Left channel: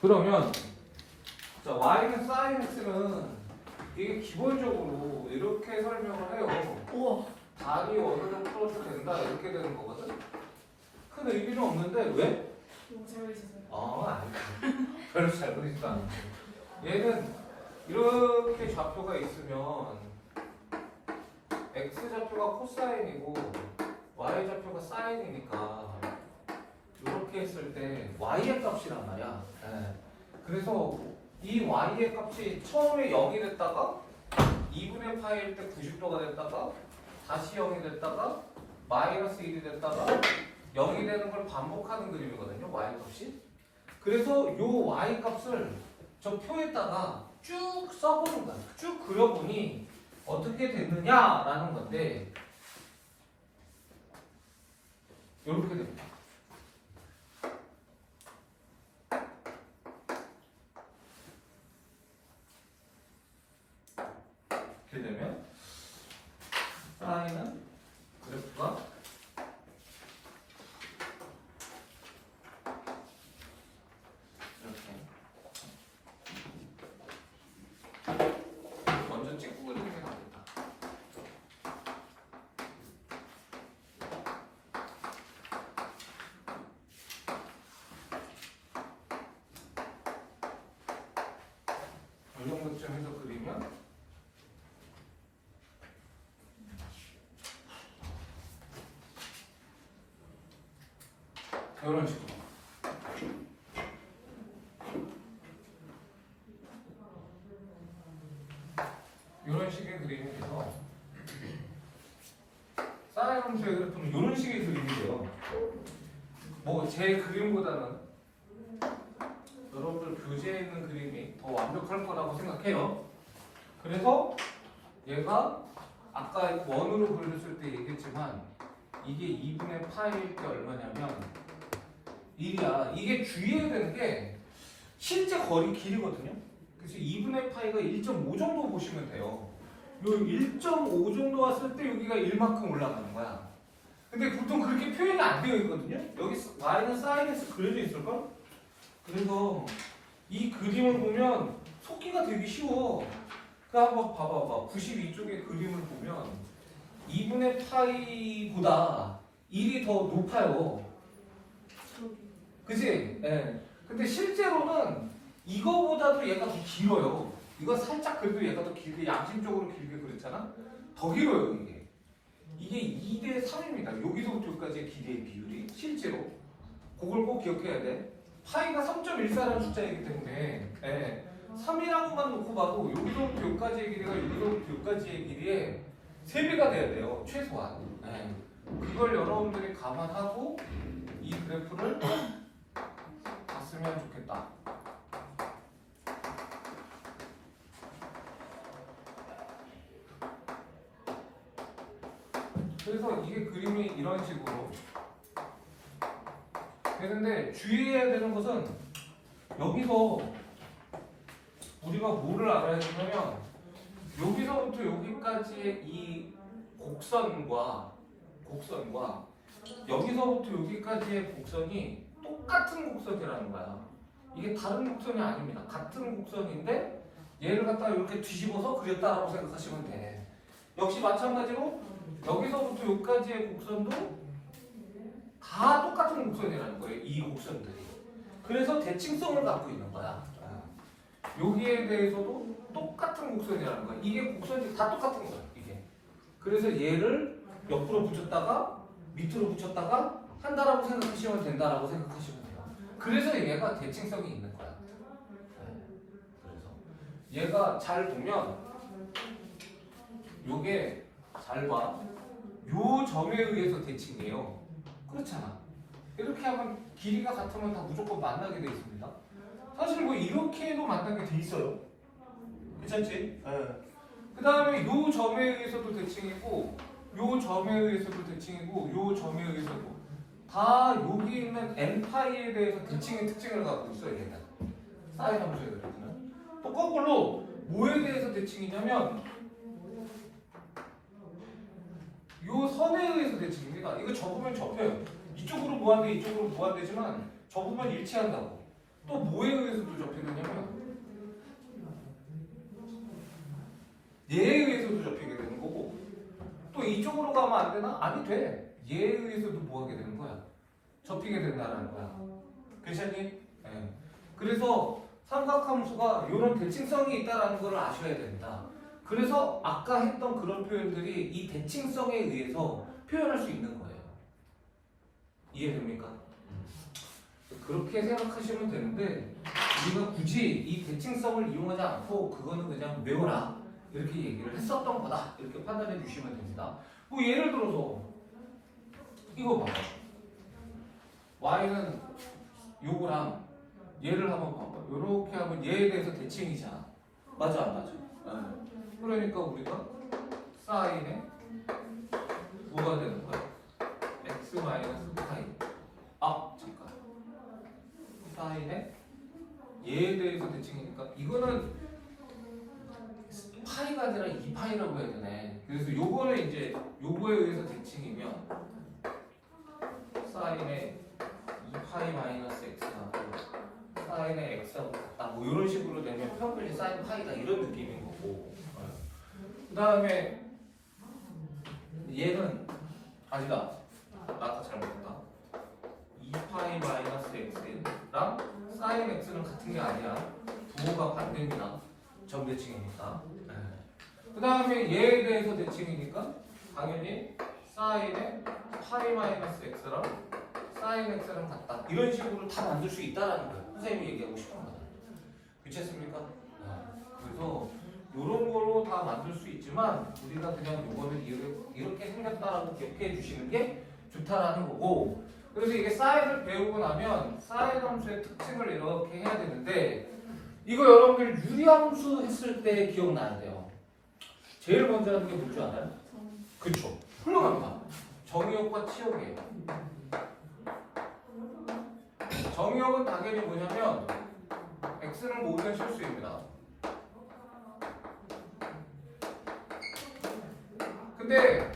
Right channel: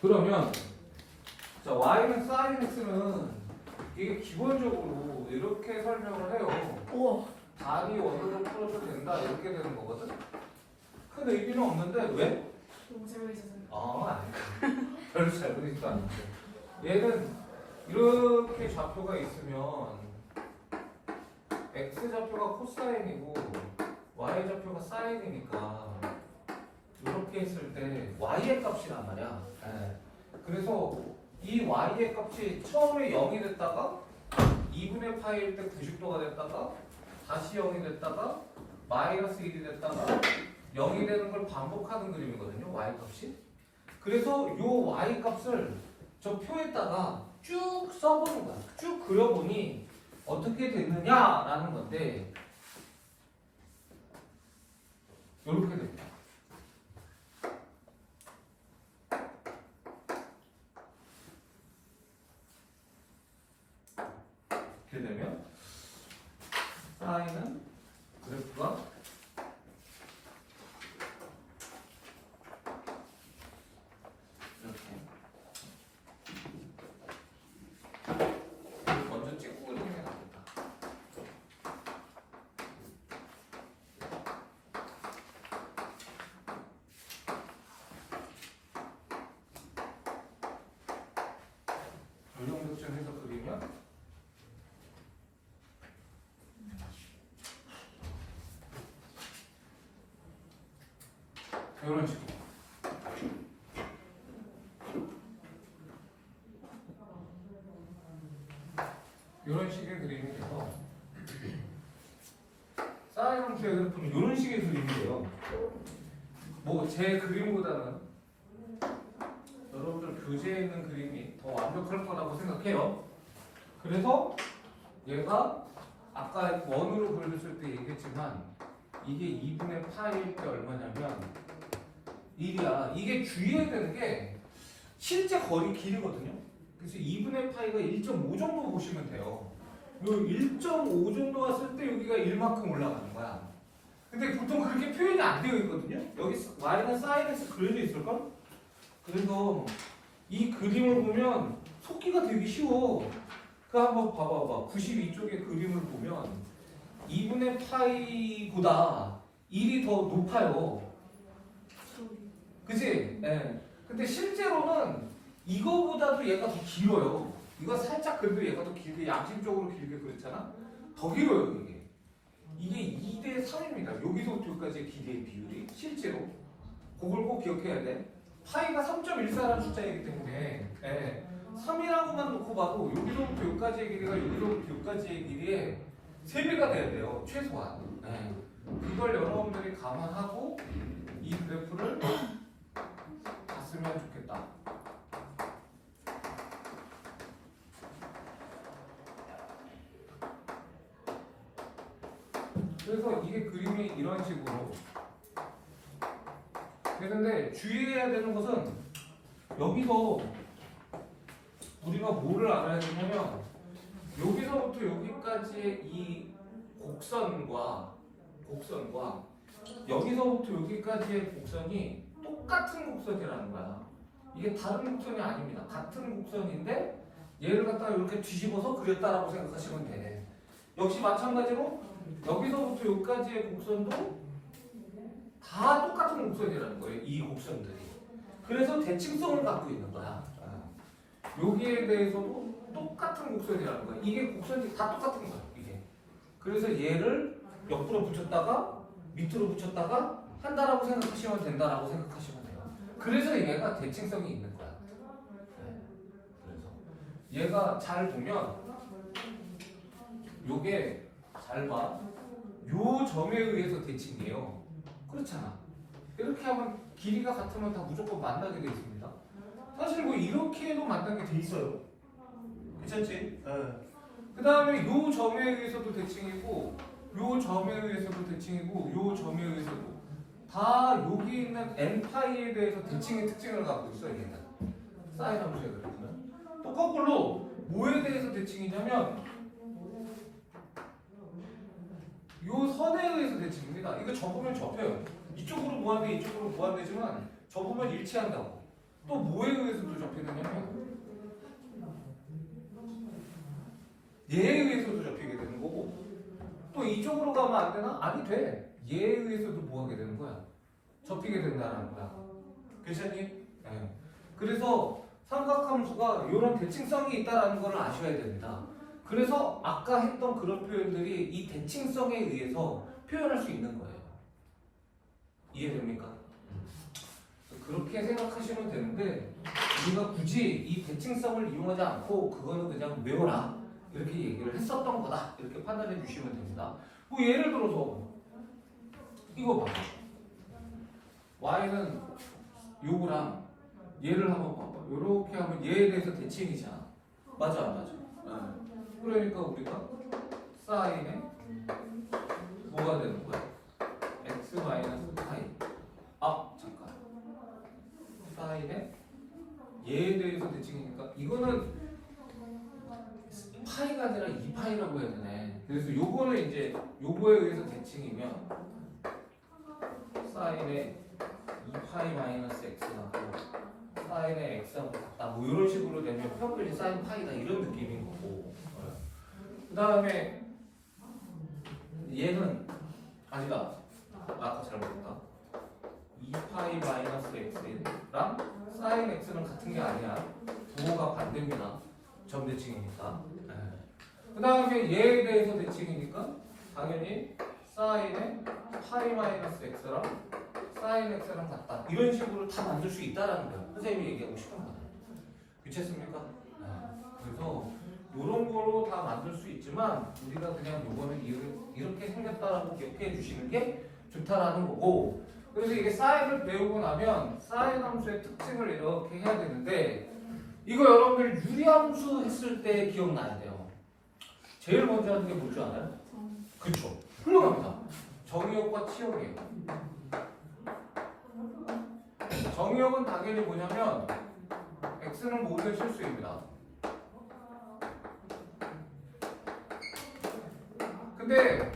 그러면 자 y는 sin x는 이게 기본적으로 이렇게 설명을 해요. 우와. 답이 원으로 풀어도 된다 이렇게 되는 거거든. 큰 의미는 없는데 왜? 너무 재밌어서. 아니. 별로 잘 그리지도 않는데. 얘는 이렇게 좌표가 있으면 x 좌표가 코사인이고 y 좌표가 사인이니까 이렇게 했을 때 y의 값이란 말이야. 네. 그래서 이 y의 값이 처음에 0이 됐다가 2분의 파일 때 90도가 됐다가 다시 0이 됐다가 마이너스 1이 됐다가 0이 되는 걸 반복하는 그림이거든요. y 값이. 그래서 요 y 값을 저 표에다가 쭉 써보는 거야. 쭉 그려보니 어떻게 됐느냐라는 건데 이렇게 됩니다. 이렇게 되면 사인은 그래프가 이렇게 먼저 찍고 그리는 게 낫겠다. 이 정도쯤 해서 그리면 이런 식으로 이런 식의 그림이 돼서 사인 함수의 그래프는 이런 식의 그림이 돼요. 뭐 제 그림보다는 여러분들 교재에 있는 그림이 더 완벽할 거라고 생각해요. 그래서 얘가 아까 원으로 그렸을 때 얘기했지만 이게 2분의 파일 때 얼마냐면 1이야. 이게 주의해야 되는 게 실제 거리 길이거든요. 그래서 2분의 파이가 1.5 정도 보시면 돼요. 요 1.5 정도 왔을 때 여기가 1만큼 올라가는 거야. 근데 보통 그렇게 표현이 안 되어 있거든요. 여기 y는 사인에서 그려져 있을걸? 그래서 이 그림을 보면 속기가 되게 쉬워. 그 한번 봐봐봐. 92쪽의 그림을 보면 2분의 파이보다 1이 더 높아요. 그치? 예. 근데 실제로는 이거보다도 얘가 더 길어요. 이거 살짝 그래도 얘가 더 길게 양심적으로 길게 그랬잖아? 더 길어요 이게. 이게 2대 3입니다. 여기서부터 여기까지의 길이의 비율이 실제로. 그걸 꼭 기억해야 돼. 파이가 3.14라는 숫자이기 때문에 3이라고만 놓고 봐도 여기서부터 여기까지의 길이가 여기서부터 여기까지의 길이의 3배가 돼야 돼요. 최소한. 그걸 여러분들이 감안하고 이 그래프를 봤으면 좋겠다. 그래서 이게 그림이 이런 식으로 되는데 주의해야 되는 것은 여기서 우리가 뭐를 알아야 되냐면 여기서부터 여기까지의 이 곡선과 여기서부터 여기까지의 곡선이 똑같은 곡선이라는 거야. 이게 다른 곡선이 아닙니다. 같은 곡선인데 얘를 갖다가 이렇게 뒤집어서 그렸다라고 생각하시면 돼. 역시 마찬가지로 여기서부터 여기까지의 곡선도 다 똑같은 곡선이라는 거예요. 이 곡선들이. 그래서 대칭성을 갖고 있는 거야. 여기에 대해서도 똑같은 곡선이라는 거야. 이게 곡선이 다 똑같은 거야. 이게. 그래서 얘를 옆으로 붙였다가 밑으로 붙였다가 한다라고 생각하시면 된다라고 생각하시면 돼요. 그래서 얘가 대칭성이 있는 거야. 그래서 얘가 잘 보면 요게 잘 봐. 요 점에 의해서 대칭이에요. 그렇잖아. 이렇게 하면 길이가 같으면 다 무조건 만나게 돼 있습니다. 사실 뭐 이렇게 해도 만나게 돼 있어요. 괜찮지? 그 다음에 요 점에 의해서도 대칭이고 요 점에 의해서도 대칭이고 요 점에 의해서도 다 여기 있는 n파이에 대해서 대칭의 특징을 갖고 있어요. 얘는 사인 함수의 그래프는 또 거꾸로 뭐에 대해서 대칭이냐면 요 선에 의해서 대칭입니다. 이거 접으면 접혀요. 이쪽으로 무한대 이쪽으로 무한대지만 접으면 일치한다고. 또 뭐에 의해서도 접히느냐면 얘에 의해서도 접히게 되는 거고 또 이쪽으로 가면 안 되나? 아니 돼. 얘에 의해서도 뭐 하게 되는 거야? 접히게 된다는 거야. 괜찮니? 네. 그래서 삼각함수가 이런 대칭성이 있다는 걸 아셔야 됩니다. 그래서 아까 했던 그런 표현들이 이 대칭성에 의해서 표현할 수 있는 거예요. 이해됩니까? 그렇게 생각하시면 되는데 우리가 굳이 이 대칭성을 이용하지 않고 그거는 그냥 외워라 이렇게 얘기를 했었던 거다 이렇게 판단해 주시면 됩니다. 뭐 예를 들어서 이거 봐봐. y는 요거랑 얘를 한번 봐봐. 요렇게 하면 얘에 대해서 대칭이잖아. 맞아 안 맞아? 네. 그러니까 우리가 사인에 뭐가 되는 거야? x 마이너스 파이. 아 잠깐. 사인에 얘에 대해서 대칭이니까 이거는 파이가 아니라 2파이라고 해야 되네. 그래서 요거는 이제 요거에 의해서 대칭이면 사인에 2파이 마이너스 x하고 사인의 x하고 같다. 뭐 이런 식으로 되면 평균이 사인 파이다 이런 느낌인 거고. 그 다음에 얘는 아니다. 아까 잘못했다. 2파이 마이너스 x랑 사인 x는 같은 게 아니야. 부호가 반대입니다. 점대칭이니까. 그 다음에 얘에 대해서 대칭이니까 당연히 사인의 파이 마이너스 x랑 사인 x랑 같다. 이런 식으로 다 만들 수 있다라는 거예요. 선생님이 얘기하고 싶은 거다. 그렇습니까? 그래서 이런 거로 다 만들 수 있지만 우리가 그냥 요거를 이렇게 생겼다라고 기억해 주시는 게 좋다라는 거고. 그래서 이게 사인을 배우고 나면 사인 함수의 특징을 이렇게 해야 되는데 이거 여러분들 유리함수 했을 때 기억나야 돼요. 제일 먼저 하는 게 뭔지 알아요? 그쵸. 훌륭합니다. 정의역과 치역이에요. 정의역은 당연히 뭐냐면 x는 모든 실수입니다. 근데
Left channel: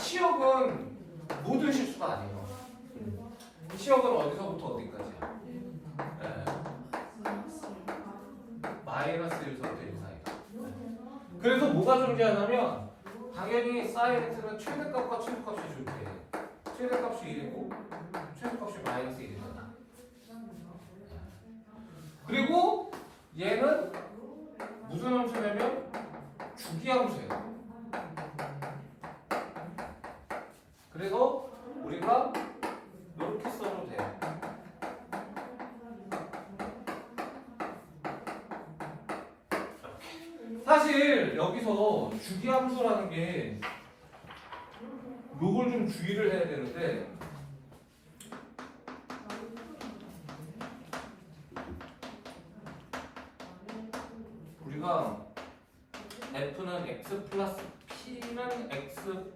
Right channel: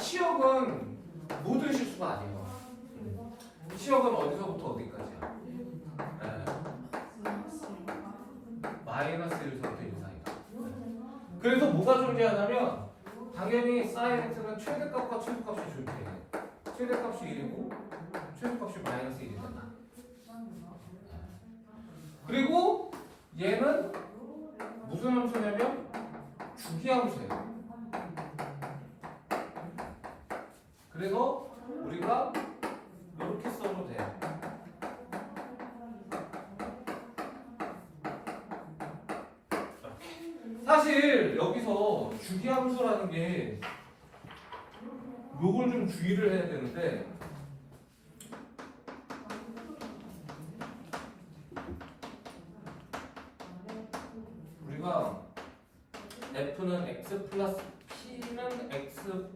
치역은 모든 실수가 아니에요. 치역은 어디서부터 어디까지야? 네. 마이너스 1서부터 1 사이다. 그래서 뭐가 존재하냐면 당연히 사인 x는 최대값과 최소값이 존재해. 최대값이 1이고 최소값이 마이너스 1이 된다. 그리고 얘는 무슨 함수냐면 주기함수예요. 그래서 우리가 이렇게 써도 돼요. 사실 여기서 주기함수라는 게 요걸 좀 주의를 해야 되는데 우리가 f는 x 플러스 p는 x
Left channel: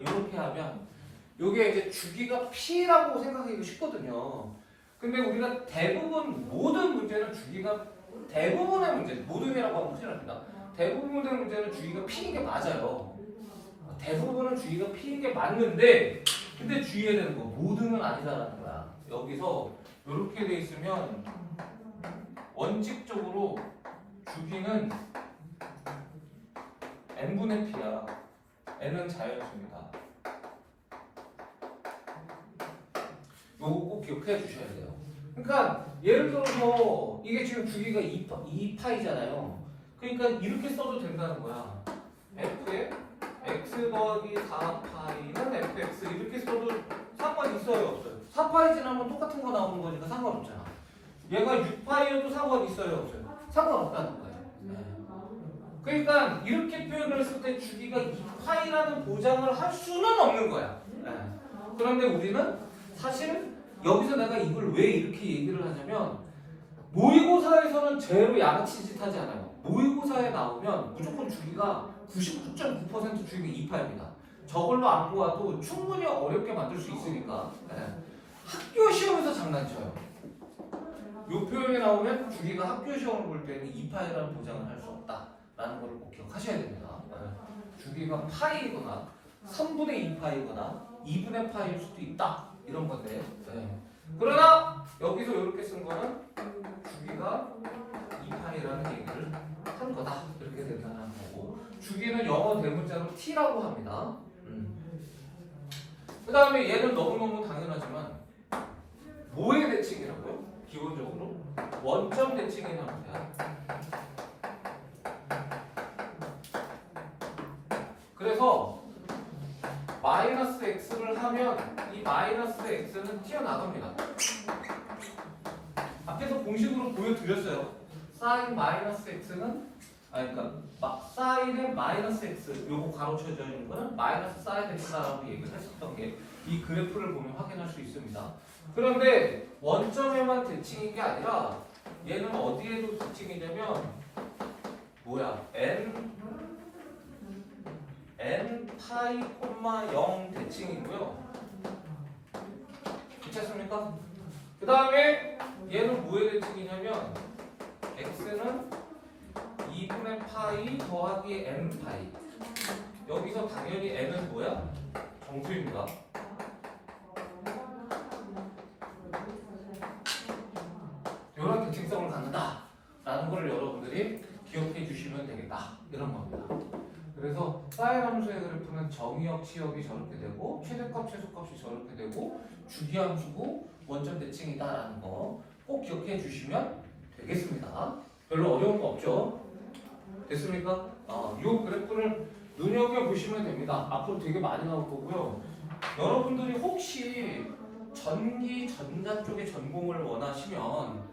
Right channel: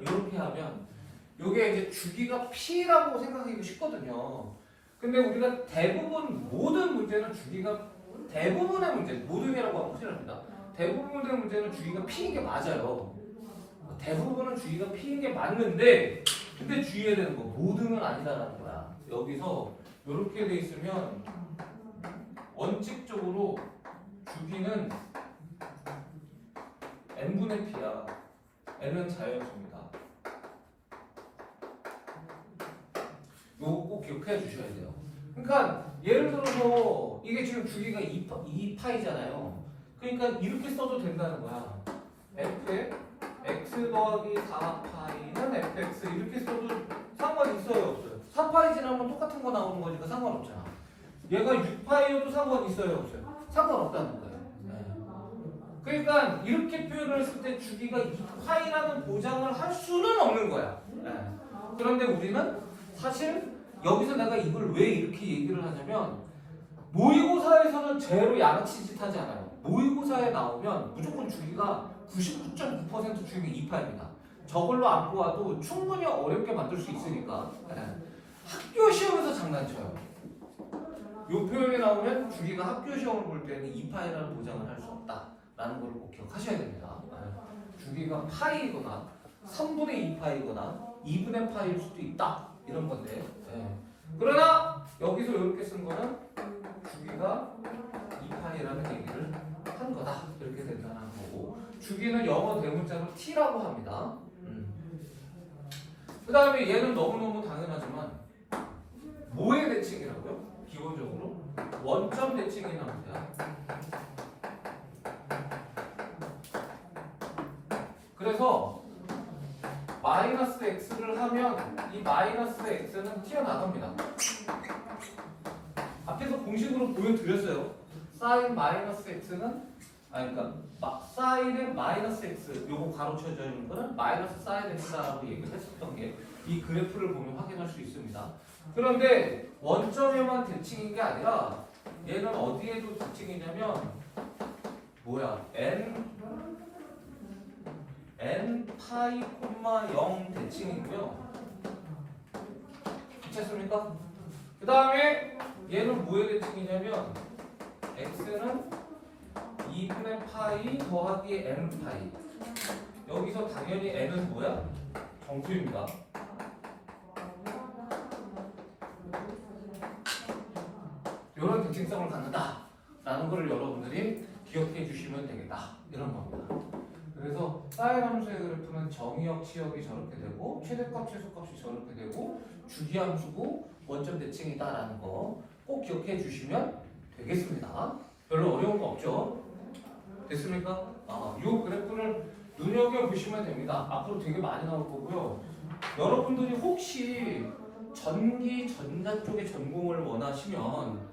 이렇게 하면 요게 이제 주기가 p라고 생각하기 쉽거든요. 근데 우리가 대부분 모든 문제는 주기가 대부분의 문제, 모든이라고 하면 큰일 납니다. 대부분의 문제는 주기가 p인 게 맞아요. 대부분은 주기가 p인 게 맞는데 근데 주의해야 되는 거 모든은 아니다라는 거야. 여기서 이렇게 돼 있으면 원칙적으로 주기는 n분의 p야. n은 자연수입니다. 요거 꼭 기억해 주셔야 돼요. 그러니까 예를 들어서 이게 지금 주기가 2파이잖아요. 그러니까 이렇게 써도 된다는 거야. f에 x 더하기 4파이는 fx 이렇게 써도 상관 있어요 없어요? 4파이 지나면 똑같은 거 나오는 거니까 상관없잖아. 얘가 6파이여도 상관 있어요 없어요? 상관없다는 거예요. 그러니까 이렇게 표현을 했을 때 주기가 2파이라는 보장을 할 수는 없는 거야. 그런데 우리는 사실 여기서 내가 이걸 왜 이렇게 얘기를 하냐면 모의고사에서는 제로 양아치 짓 하지 않아요. 모의고사에 나오면 무조건 주기가 99.9% 주기가 2파입니다. 저걸로 안 보아도 충분히 어렵게 만들 수 있으니까 학교 시험에서 장난쳐요. 이 표현이 나오면 주기가 학교 시험을 볼 때는 2파이라는 보장을 할 수 없다라는 걸 꼭 기억하셔야 됩니다. 주기가 파이거나 3분의 2파이거나 2분의 파이일 수도 있다 이런 건데 그러나 여기서 이렇게 쓴 거는 주기가 2파이라는 얘기를 한 거다. 이렇게 된다는 거고, 주기는 영어 대문자로 t라고 합니다. 그 다음에 얘는 너무너무 당연하지만 뭐의 대칭이라고요? 기본적으로 원점 대칭이 나옵니다. 그래서 마이너스 x를 하면 이 마이너스 x는 튀어나갑니다. 앞에서 공식으로 보여드렸어요. 사인 마이너스 x는 그러니까 사인의 마이너스 x 요거 가로쳐져 있는 거는 마이너스 사인 x라고 얘기를 했었던 게 이 그래프를 보면 확인할 수 있습니다. 그런데 원점에만 대칭인 게 아니라 얘는 어디에도 대칭이냐면 뭐야? n 파이 콤마 0 대칭이고요. 괜찮습니까? 그 다음에 얘는 뭐의 대칭이냐면 x는 2분의 파이 더하기 n 파이. 여기서 당연히 n은 뭐야? 정수입니다. 이런 대칭성을 갖는다 라는 걸 여러분들이 기억해 주시면 되겠다 이런 겁니다. 그래서 사인 함수의 그래프는 정의역, 치역이 저렇게 되고 최대값, 최소값이 저렇게 되고 주기 함수고 원점 대칭이다라는 거 꼭 기억해 주시면 되겠습니다. 별로 어려운 거 없죠? 됐습니까? 이 그래프를 눈여겨보시면 됩니다. 앞으로 되게 많이 나올 거고요. 여러분들이 혹시 전기, 전자 쪽의 전공을 원하시면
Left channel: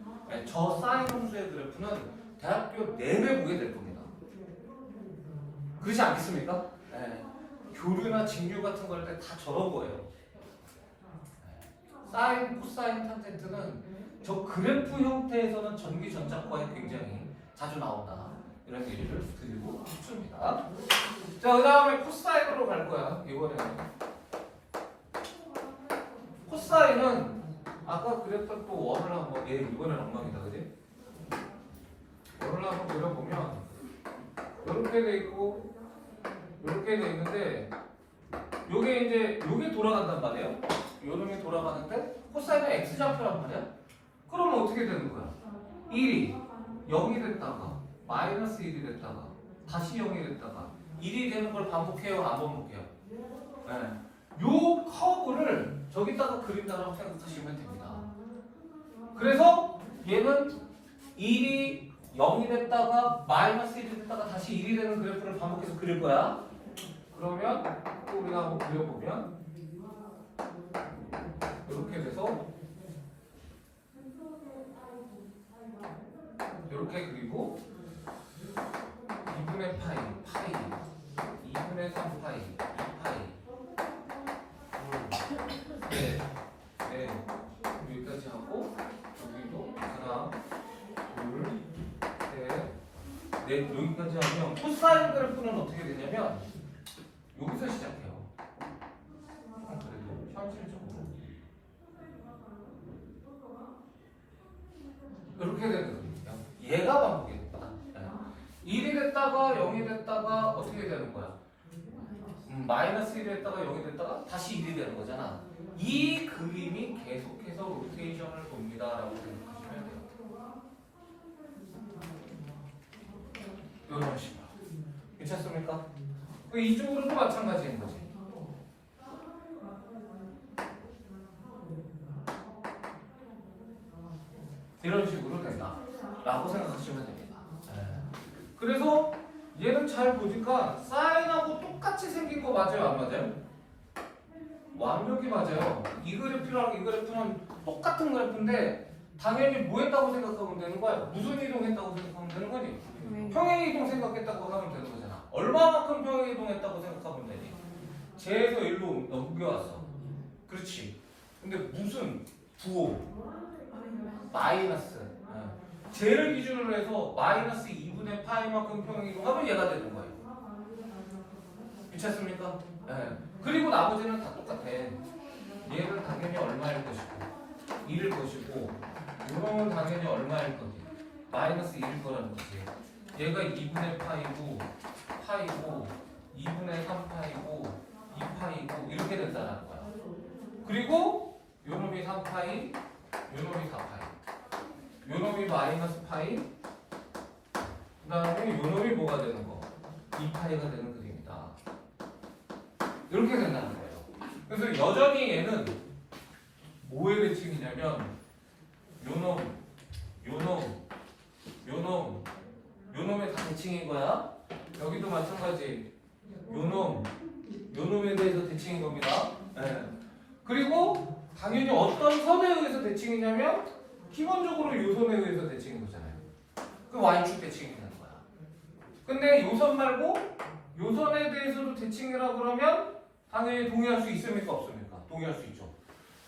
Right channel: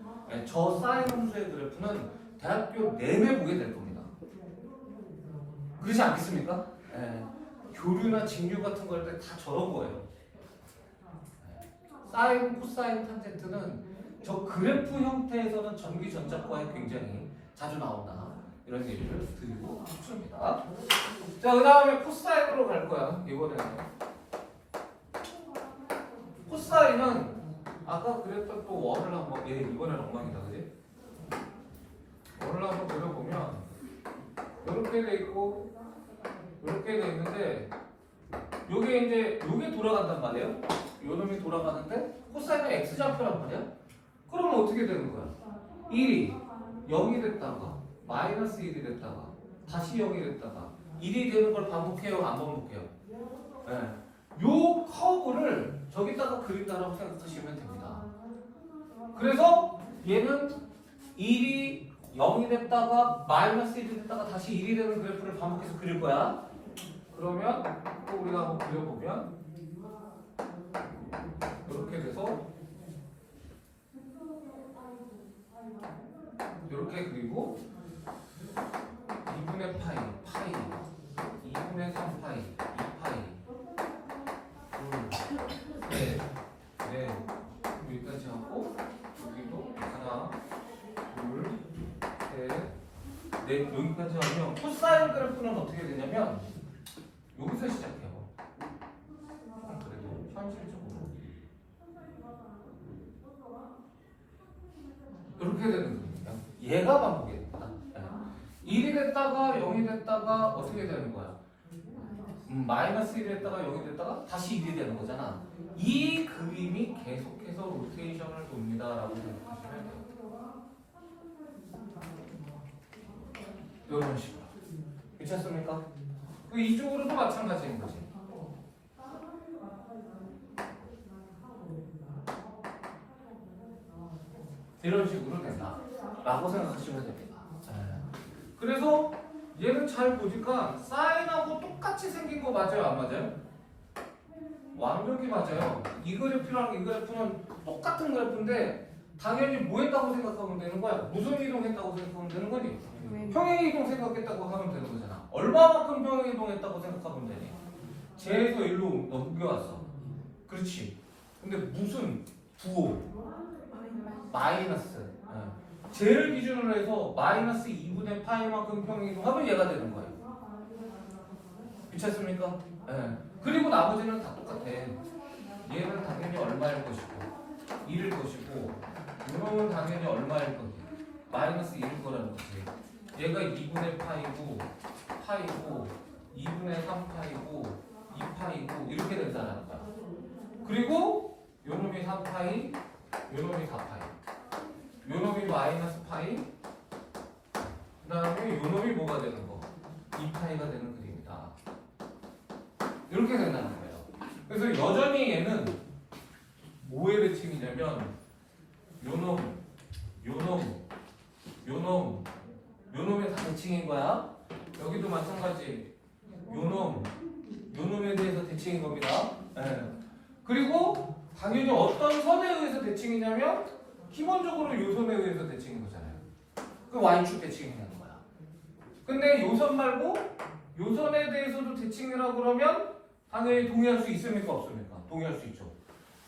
저 사인 함수의 그래프는 대학교 내내 보게 될 겁니다. 그렇지 않겠습니까? 교류나 직류 같은 걸 때 다 저런 거예요. 사인, 코사인, 탄젠트는 저 그래프 형태에서는 전기, 전자과에 굉장히 자주 나온다. 이런 얘기를 드리고 싶습니다. 자, 그 다음에 코사인으로 갈 거야. 이번에는 코사인은 아까 그랬던 또 원을 한번 이번에는 엉망이다, 그지? 원을 한번 그려보면 이렇게 돼 있고 이렇게 돼 있는데 요게 이제 요게 돌아간단 말이에요. 요 놈이 돌아가는데 코사인은 x좌표란 말이야. 그러면 어떻게 되는 거야? 1이 0이 됐다가 마이너스 1이 됐다가 다시 0이 됐다가 1이 되는 걸 반복해요? 안 반복해요? 요 커브를 저기다가 그린다라고 생각하시면 됩니다. 그래서 얘는 1이 0이 됐다가 마이너스 1이 됐다가 다시 1이 되는 그래프를 반복해서 그릴 거야. 그러면 또 우리가 한번 그려보면 이렇게 돼서 이렇게 그리고 2분의 파이 2분의 3파이 2파이 여기까지 하고 여기도 하나 둘셋넷 여기까지 하면 코사인 그래프는 어떻게 되냐면 여기서 시작해요. 그래도 현실적으로 이렇게 되는 겁니다. 얘가 반복이 된다. 1이 됐다가 0이 됐다가 어떻게 되는 거야? 마이너스 1이 됐다가 0이 됐다가 다시 1이 되는 거잖아. 이 그림이 계속해서 로테이션을 돕니다 라고 생각하시면 돼요. 이런 식으로. 괜찮습니까? 이쪽으로도 마찬가지인 거지. 이런 식으로 된다 라고 생각하시면 됩니다. 그래서 얘는 잘 보니까 사인하고 똑같이 생긴 거 맞아요? 안 맞아요? 완벽히 맞아요. 이 그래프랑 이 그래프는 똑같은 그래프인데 당연히 뭐 했다고 생각하면 되는 거야? 무슨 이동했다고 생각하면 되는 거니? 평행 이동 생각했다고 하면 되는 거잖아. 얼마만큼 평행 이동했다고 생각하면 되니? 제에서 1로 넘겨왔어. 그렇지. 근데 무슨 부호? 마이너스. 제를 기준으로 해서 마이너스 2분의 파이만큼 평행 이동하면 얘가 되는 거예요. 괜찮습니까? 그리고 나머지는 다 똑같아. 얘는 당연히 얼마일 것이고 1일 것이고 이놈은 당연히 얼마일 거지. 마이너스 1일 거라는 거지. 얘가 2분의 파이고 2분의 3파이고 2파이고 이렇게 된다는 거야. 그리고 요놈이 3파이 요놈이 4파이. 요놈이 마이너스 파이. 그 다음에 요놈이 뭐가 되는 거? 2파이가 되는 그림이다. 이렇게 된다는 거예요. 그래서 여전히 얘는 뭐의 대칭이냐면 요놈, 요놈, 요놈, 요놈의 다 대칭인 거야. 여기도 마찬가지. 요놈, 요놈에 대해서 대칭인 겁니다. 네. 그리고 당연히 어떤 선에 의해서 대칭이냐면 기본적으로 요선에 의해서 대칭인 거잖아요. 그 Y축 대칭이라는 거야. 근데 요선 말고 요선에 대해서도 대칭이라고 그러면 당연히 동의할 수 있습니까? 없습니까? 동의할 수 있죠.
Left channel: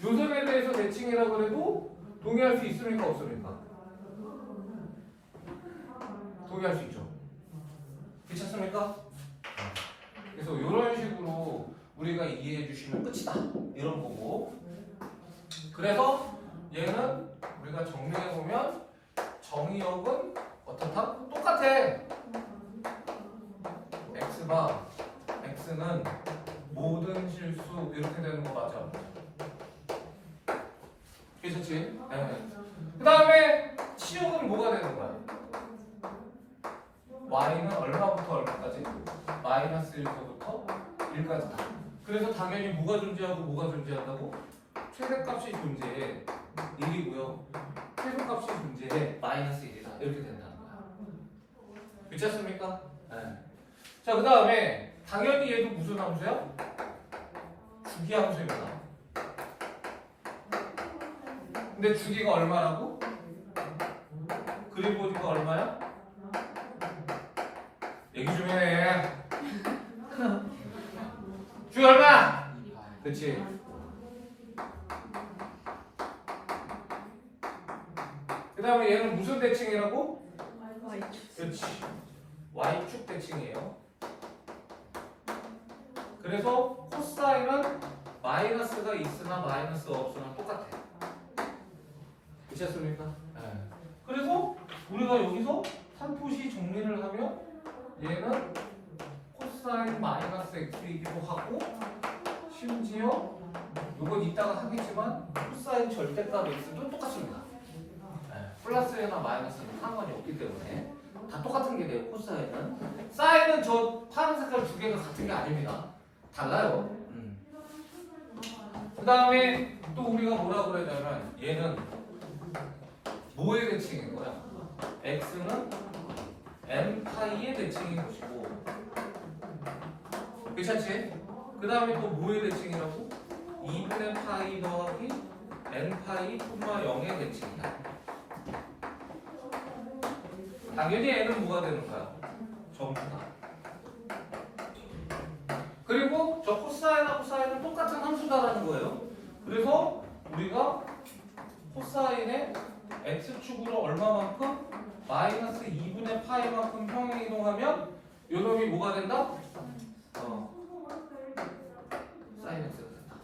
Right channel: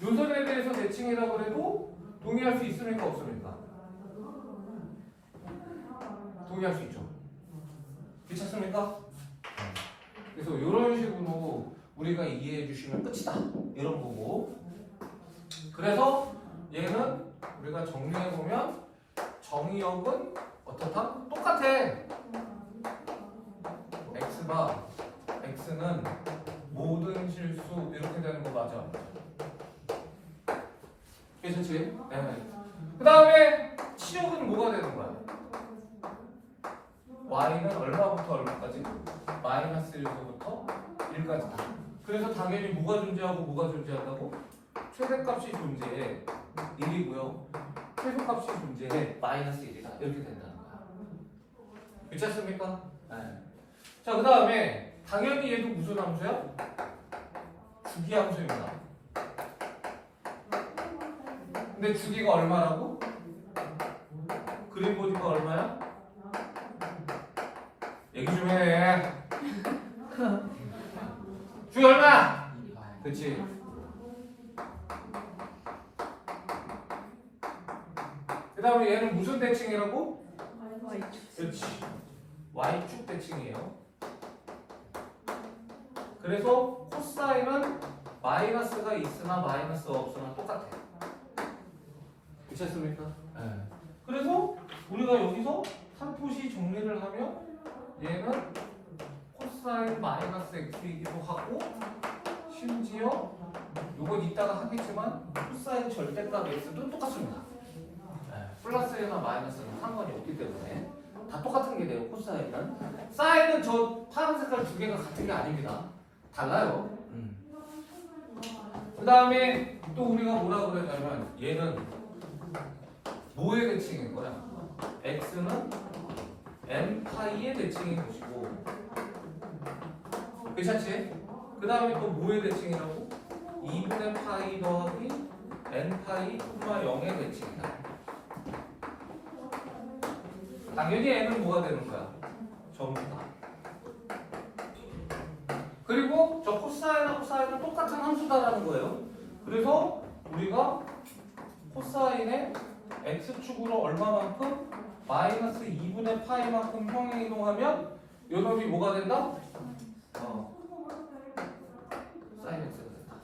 요선에 대해서 대칭이라고 그래도 동의할 수 있습니까? 없습니까? 동의할 수 있죠. 괜찮습니까? 그래서 이런 식으로 우리가 이해해 주시면 끝이다. 이런 거고. 그래서 얘는 우리가 정리해 보면 정의역은 어떻다? 똑같아. x바 x는 모든 실수 이렇게 되는 거 맞아. 괜찮지? 네. 그 다음에 치역은 뭐가 되는 거야? y는 얼마부터 얼마까지? 마이너스 1부터 1까지다. 그래서 당연히 뭐가 존재하고 뭐가 존재한다고? 최대값이 존재해 1이고요. 최소값이 존재해 마이너스 1이다. 이렇게 된다는 거야. 괜찮습니까? 네. 자, 그 다음에 당연히 얘도 무슨 함수야? 주기함수입니다. 근데 주기가 얼마라고? 그림 보니까 얼마야? 얘기 좀 해. 주기 얼마야? 그치? 그 다음에 얘는 무슨 대칭이라고? Y축. 그렇지. Y축 대칭이에요. 그래서 코사인은 마이너스가 있으나 마이너스가 없으나 똑같아. 괜찮습니까? 네. 그래서 우리가 여기서 살포시 정리를 하면 얘는 코사인 마이너스 x이기도 하고 심지어 이건 이따가 하겠지만 코사인 절대값 x도 똑같습니다. 네. 플러스나 마이너스는 상관이 없기 때문에 다 똑같은 게 돼요. 코사인은. 사인은 저 파란 색깔 두 개가 같은 게 아닙니다. 달라요. 그 다음에 또 우리가 뭐라 그러냐면 얘는 뭐의 대칭인 거야? x는 n파이의 대칭인 것이고 괜찮지? 그 다음에 또 뭐의 대칭이라고? 2분의 파이 더하기 n파이 콤마 0의 대칭이다. 당연히 n은 뭐가 되는 거야? 전부다. 그리고 저 코사인하고 코사인은 똑같은 함수다라는 거예요. 그래서 우리가 코사인의 x축으로 얼마만큼? 마이너스 2분의 파이만큼 평행이동하면 요 놈이 뭐가 된다? 사인 x가 된다.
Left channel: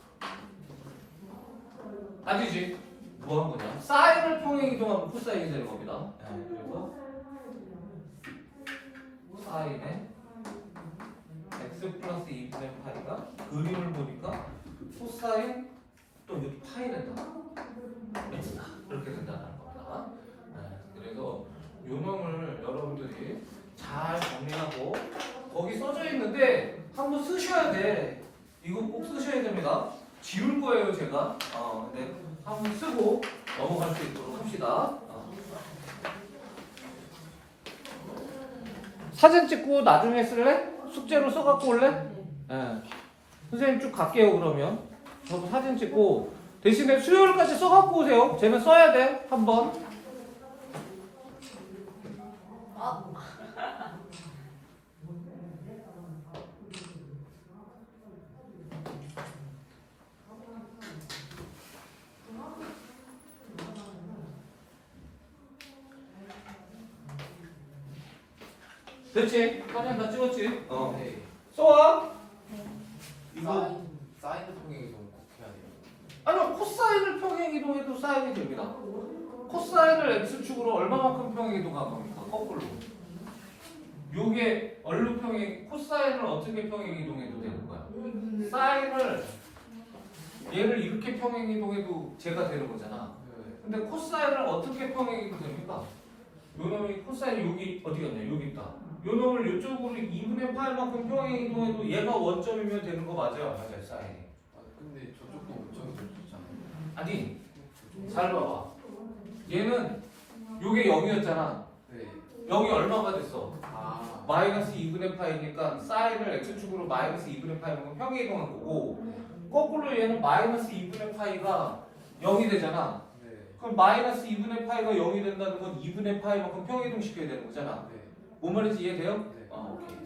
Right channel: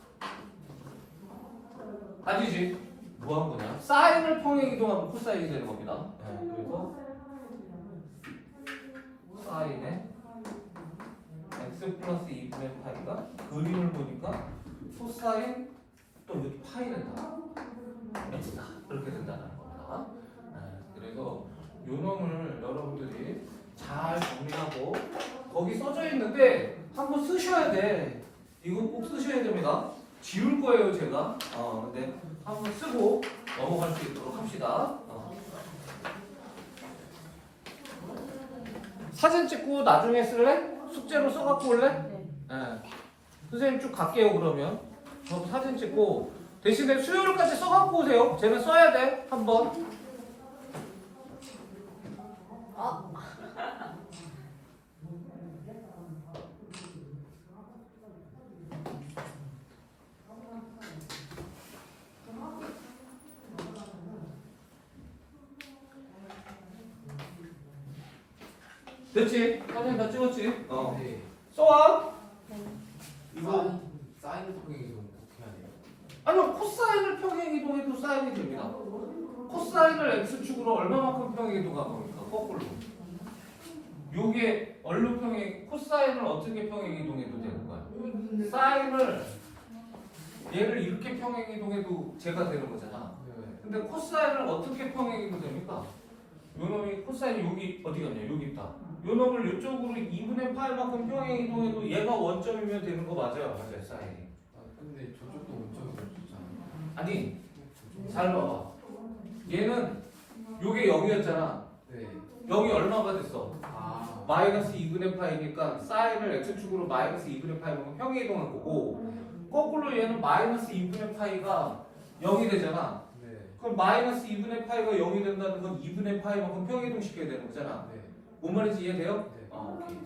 아니지? 뭐 한 거냐? 사인을 평행이동하면 코사인이 되는 겁니다. 그래서 사인의 x 플러스 2분의 파이가 그림을 보니까 코사인 또 여기 파이 된다. x다. 이렇게 된다는 겁니다. 그래서 요 놈을 여러분들이 잘 정리하고 거기 써져 있는데 한번 쓰셔야 돼. 이거 꼭 쓰셔야 됩니다. 지울 거예요 제가. 근데 한번 쓰고 넘어갈 수 있도록 합시다. 사진 찍고 나중에 쓸래? 숙제로 써갖고 올래? 네. 선생님 쭉 갈게요 그러면. 저도 사진 찍고 대신에 수요일까지 써갖고 오세요. 쟤는 써야 돼 한번. 됐지? 사진 다 찍었지? 네. 써와. 이거 사인을 평행이동 꼭 해야 돼요. 아니요 코사인을 평행이동해도 사인이 됩니다. 코사인을 x축으로 얼마만큼 평행이동한 겁니까? 거꾸로. 요게 얼로 평행, 코사인을 어떻게 평행이동해도 되는 거야? 사인을 얘를 이렇게 평행이동해도 제가 되는 거잖아. 근데 코사인을 어떻게 평행이동 됩니까? 요 놈이 코사인이 여기 어디 갔냐? 여기 있다. 요 놈을 이쪽으로 2분의 파이만큼 평행이동해도 얘가 원점이면 되는 거 맞아요? 맞아요, 사인이. 아 근데 저쪽도 원점이 될 수 있잖아요. 아니, 잘 봐봐. 얘는 요게 0이었잖아. 네. 여기 얼마가 됐어? 아. 마이너스 2분의 파이니까 사인을 x축으로 마이너스 2분의 파이만큼 평행이동한 거고, 거꾸로 얘는 마이너스 2분의 파이가 0이 되잖아. 네. 그럼 마이너스 2분의 파이가 0이 된다는 건 2분의 파이만큼 평행이동 시켜야 되는 거잖아. 네. 뭔 말인지 이해돼요? 네. 오케이.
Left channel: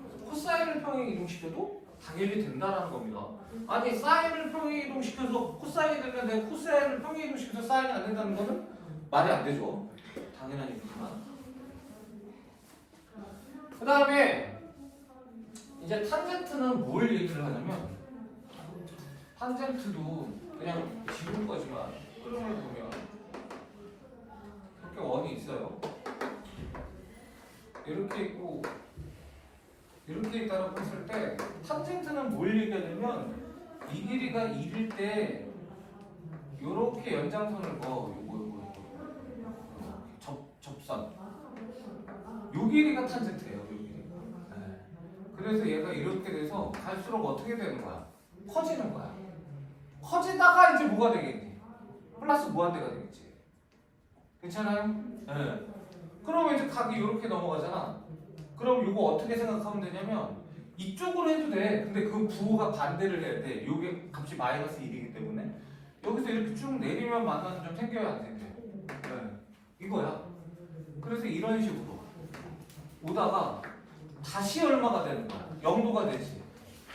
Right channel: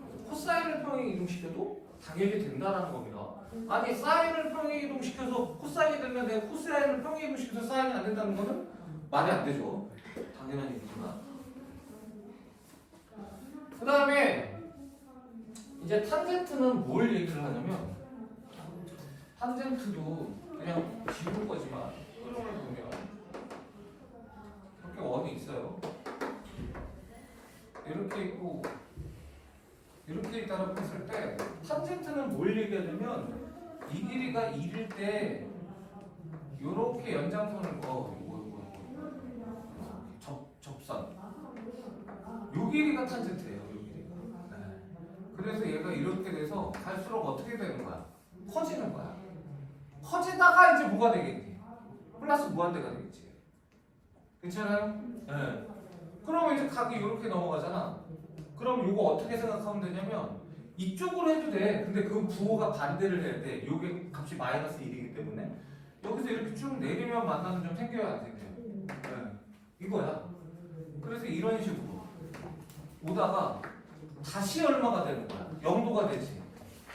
그래서 코사인을 평행이동 시켜도 당연히 된다는 겁니다. 아니 사인을 평행이동 시켜서 코사인이 되면 되고 코사인을 평행이동 시켜서 사인이 안 된다는 거는 말이 안 되죠. 당연한 얘기지만. 그 다음에 이제 탄젠트는 뭘 얘기를 하냐면 탄젠트도 그냥 지울 거지만 흐름을 보면 이렇게 원이 있어요. 이렇게 있고 이렇게 있다고 했을 때 탄젠트는 뭘 얘기하냐면 이 길이가 1일 때 이렇게 연장선을 그어 접선 요 길이가 탄젠트예요. 요 길이가. 네. 그래서 얘가 이렇게 돼서 갈수록 어떻게 되는 거야? 커지는 거야. 커지다가 이제 뭐가 되겠니? 플러스 무한대가 되겠지. 괜찮아요? 네. 그러면 이제 각이 이렇게 넘어가잖아. 그럼 이거 어떻게 생각하면 되냐면 이쪽으로 해도 돼. 근데 그 부호가 반대를 해야 돼. 요게 값이 마이너스 1이기 때문에 여기서 이렇게 쭉 내리면 만나는 점 생겨요, 안 생겨요? 네. 이거야. 그래서 이런 식으로 오다가 다시 얼마가 되는 거야? 0도가 되지.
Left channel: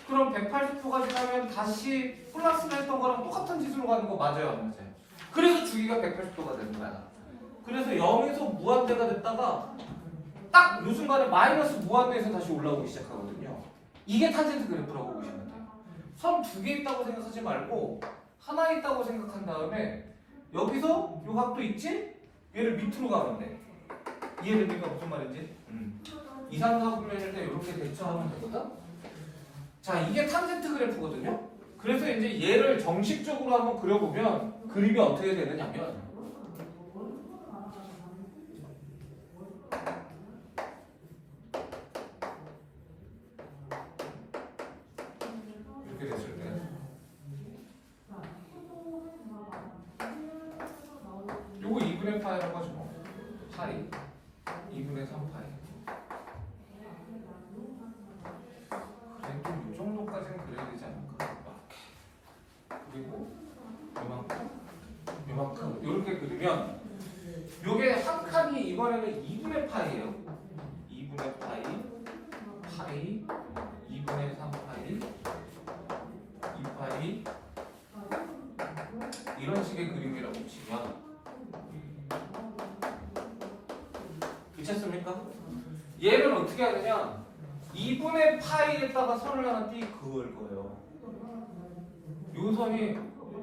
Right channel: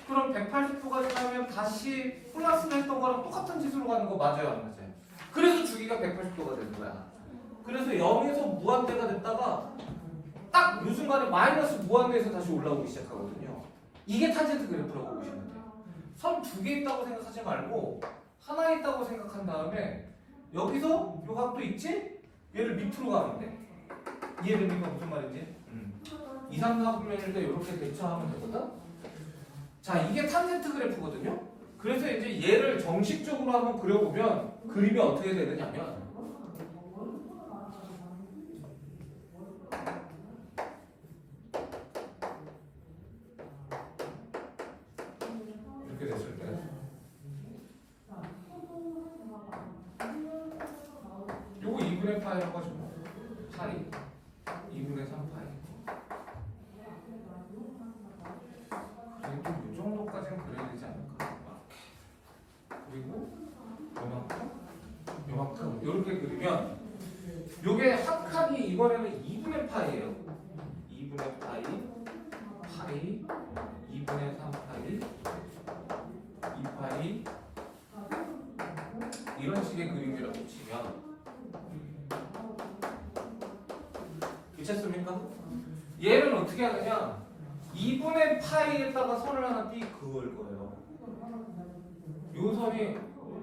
그럼 180도까지 가면 다시 플러스를 했던 거랑 똑같은 짓으로 가는 거 맞아요, 안 맞아요? 그래서 주기가 180도가 되는 거야. 그래서 0에서 무한대가 됐다가 딱 이 순간에 마이너스 무한대에서 다시 올라오기 시작하거든요. 이게 탄젠트 그래프라고 보시면 돼요. 선 두 개 있다고 생각하지 말고 하나 있다고 생각한 다음에 여기서 이 각도 있지? 얘를 밑으로 가면 돼. 이해됩니까? 무슨 말인지? 이삼각면일 때 이렇게 대처하면 되거든? 자, 이게 탄젠트 그래프거든요? 그래서 이제 얘를 정식적으로 한번 그려보면 그림이 어떻게 되느냐면 이렇게 됐을 때 요거 2분의 파이라고 하죠. 뭐. 파이 2분의 3파이 그래도 이 정도까지는 그려야 되지 않을까? 그리고 요만큼 이렇게 그리면 요게 한 칸이 이번에는 2분의 파이예요. 2분의 파이 2분의 3파이 2파이 이런 식의 그림이라고 치면 괜찮습니까? 얘는 어떻게 하느냐 2분의 파이에다가 선을 하나 띄 그을 거예요. 요 선이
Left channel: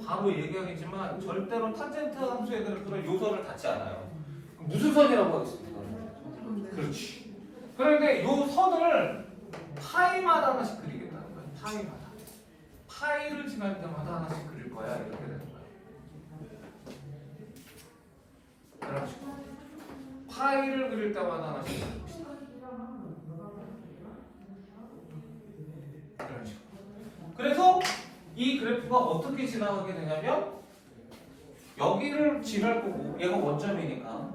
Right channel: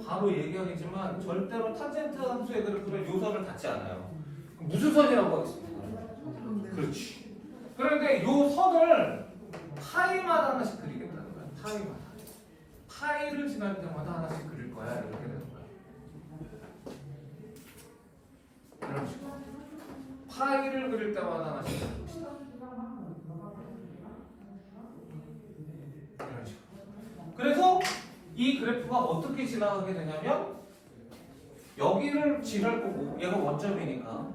바로 얘기하겠지만 절대로 탄젠트 함수의 그래프는 요 선을 닿지 않아요. 무슨 선이라고 하겠습니까? 그렇지. 그런데 요 선을 파이마다 하나씩 그리겠다는 거야. 파이마다. 파이를 지날 때마다 하나씩 그릴 거야. 이렇게 되는 거야. 이런 식으로. 파이를 그릴 때마다 하나씩 그릴 것이다. 이런 식으로. 그래서 이 그래프가 어떻게 지나가게 되냐면 여기를 지날 거고 얘가 원점이니까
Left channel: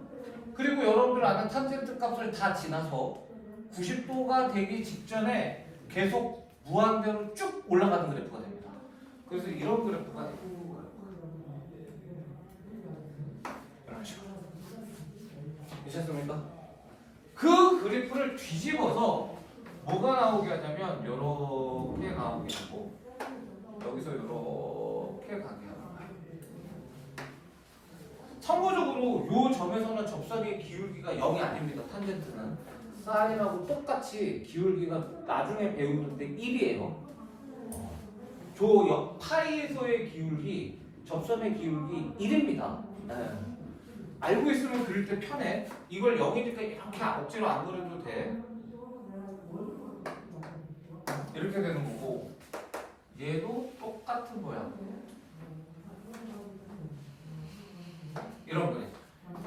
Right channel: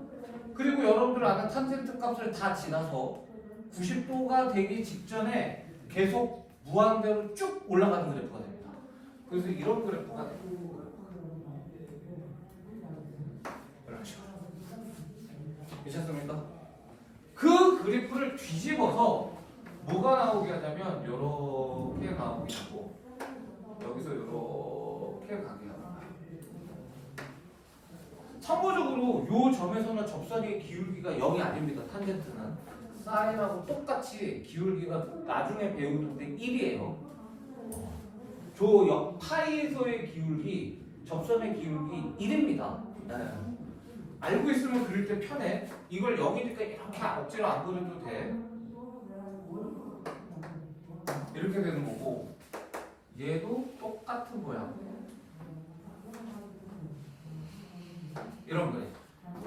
그리고 여러분들 아는 탄젠트 값을 다 지나서 90도가 되기 직전에 계속 무한대로 쭉 올라가는 그래프가 됩니다. 그래서 이런 그래프가 됩니다. 이런 식으로. 괜찮습니까? 그 그래프를 뒤집어서 뭐가 나오게 하냐면 이렇게 나오게 하고 여기서 이렇게 가게 하는 거예요. 참고적으로 이 점에서는 접선의 기울기가 0이 아닙니다. 탄젠트는 사인하고 똑같이 기울기가 나중에 배우는데 1이에요. 저 파이에서의 기울기, 접선의 기울기 1입니다. 네. 알고 있으면 그릴 때 편해. 이걸 0이니까 이렇게 억지로 안 그려도 돼. 이렇게 되는 거고 얘도 똑같은 모양. 이런 그림.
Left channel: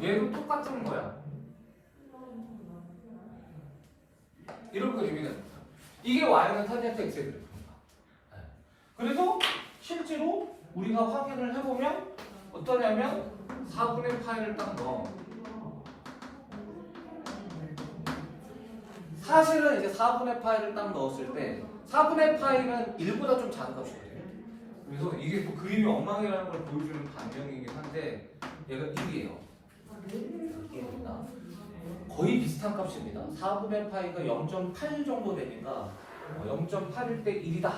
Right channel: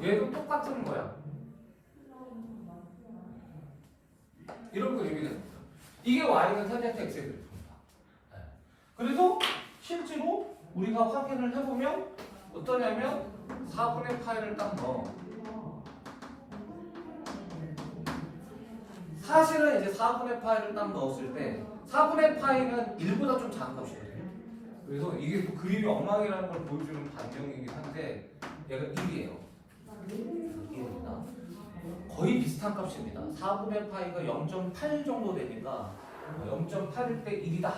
얘도 똑같은 거야. 이런 그림이 되는 거야. 이게 y는 탄젠트 x의 그래프입니다. 네. 그래서 실제로 우리가 확인을 해보면 어떠냐면 4분의 파이를 딱 넣어. 사실은 이제 4분의 파이를 딱 넣었을 때 4분의 파이는 1보다 좀 작은 값이거든요. 그래서 이게 또 그림이 엉망이라는 걸 보여주는 반증이긴 한데 얘가 1이에요. 1입니다. 거의 비슷한 값입니다. 4분의 파이가 0.8 정도 되니까 0.8일 때 1이다.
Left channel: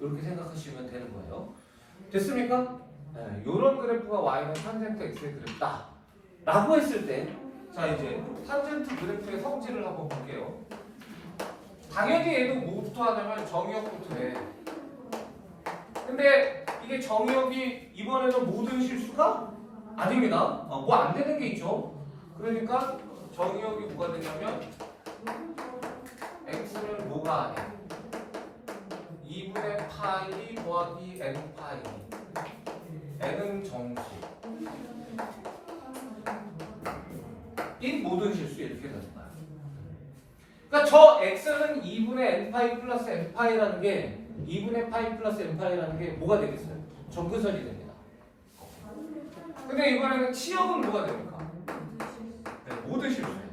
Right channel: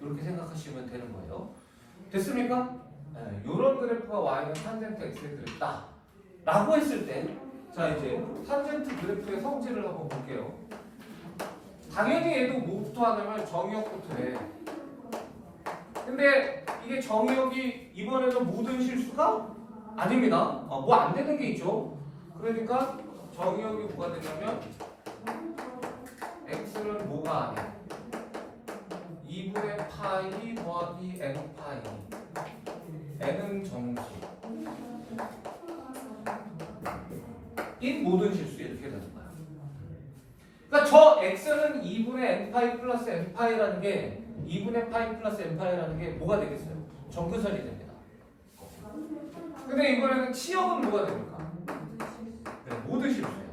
이렇게 생각하시면 되는 거예요. 됐습니까? 네, 이런 그래프가 y는 탄젠트 x의 그래프다. 라고 했을 때 자 이제 탄젠트 그래프의 성질을 한번 볼게요. 당연히 얘도 뭐부터 하냐면 정의역부터 해. 근데 이게 정의역이 이번에는 모든 실수가 아닙니다. 뭐 안 되는 게 있죠. 그러니까 정의역이 뭐가 되냐면 x는 뭐가 아니야. 2분의 파이 더하기 n 파이. n은 정식. 이 모든 실수 이렇게 되는 거야. 그러니까 저 x는 2분의 n 파이 플러스 n 파이라는 게 2분의 파이 플러스 n 파이라는 게 뭐가 되겠어요? 정근선이 됩니다. 근데 이번에는 치역은 뭐가 됩니까? 네, 모든 실수예요.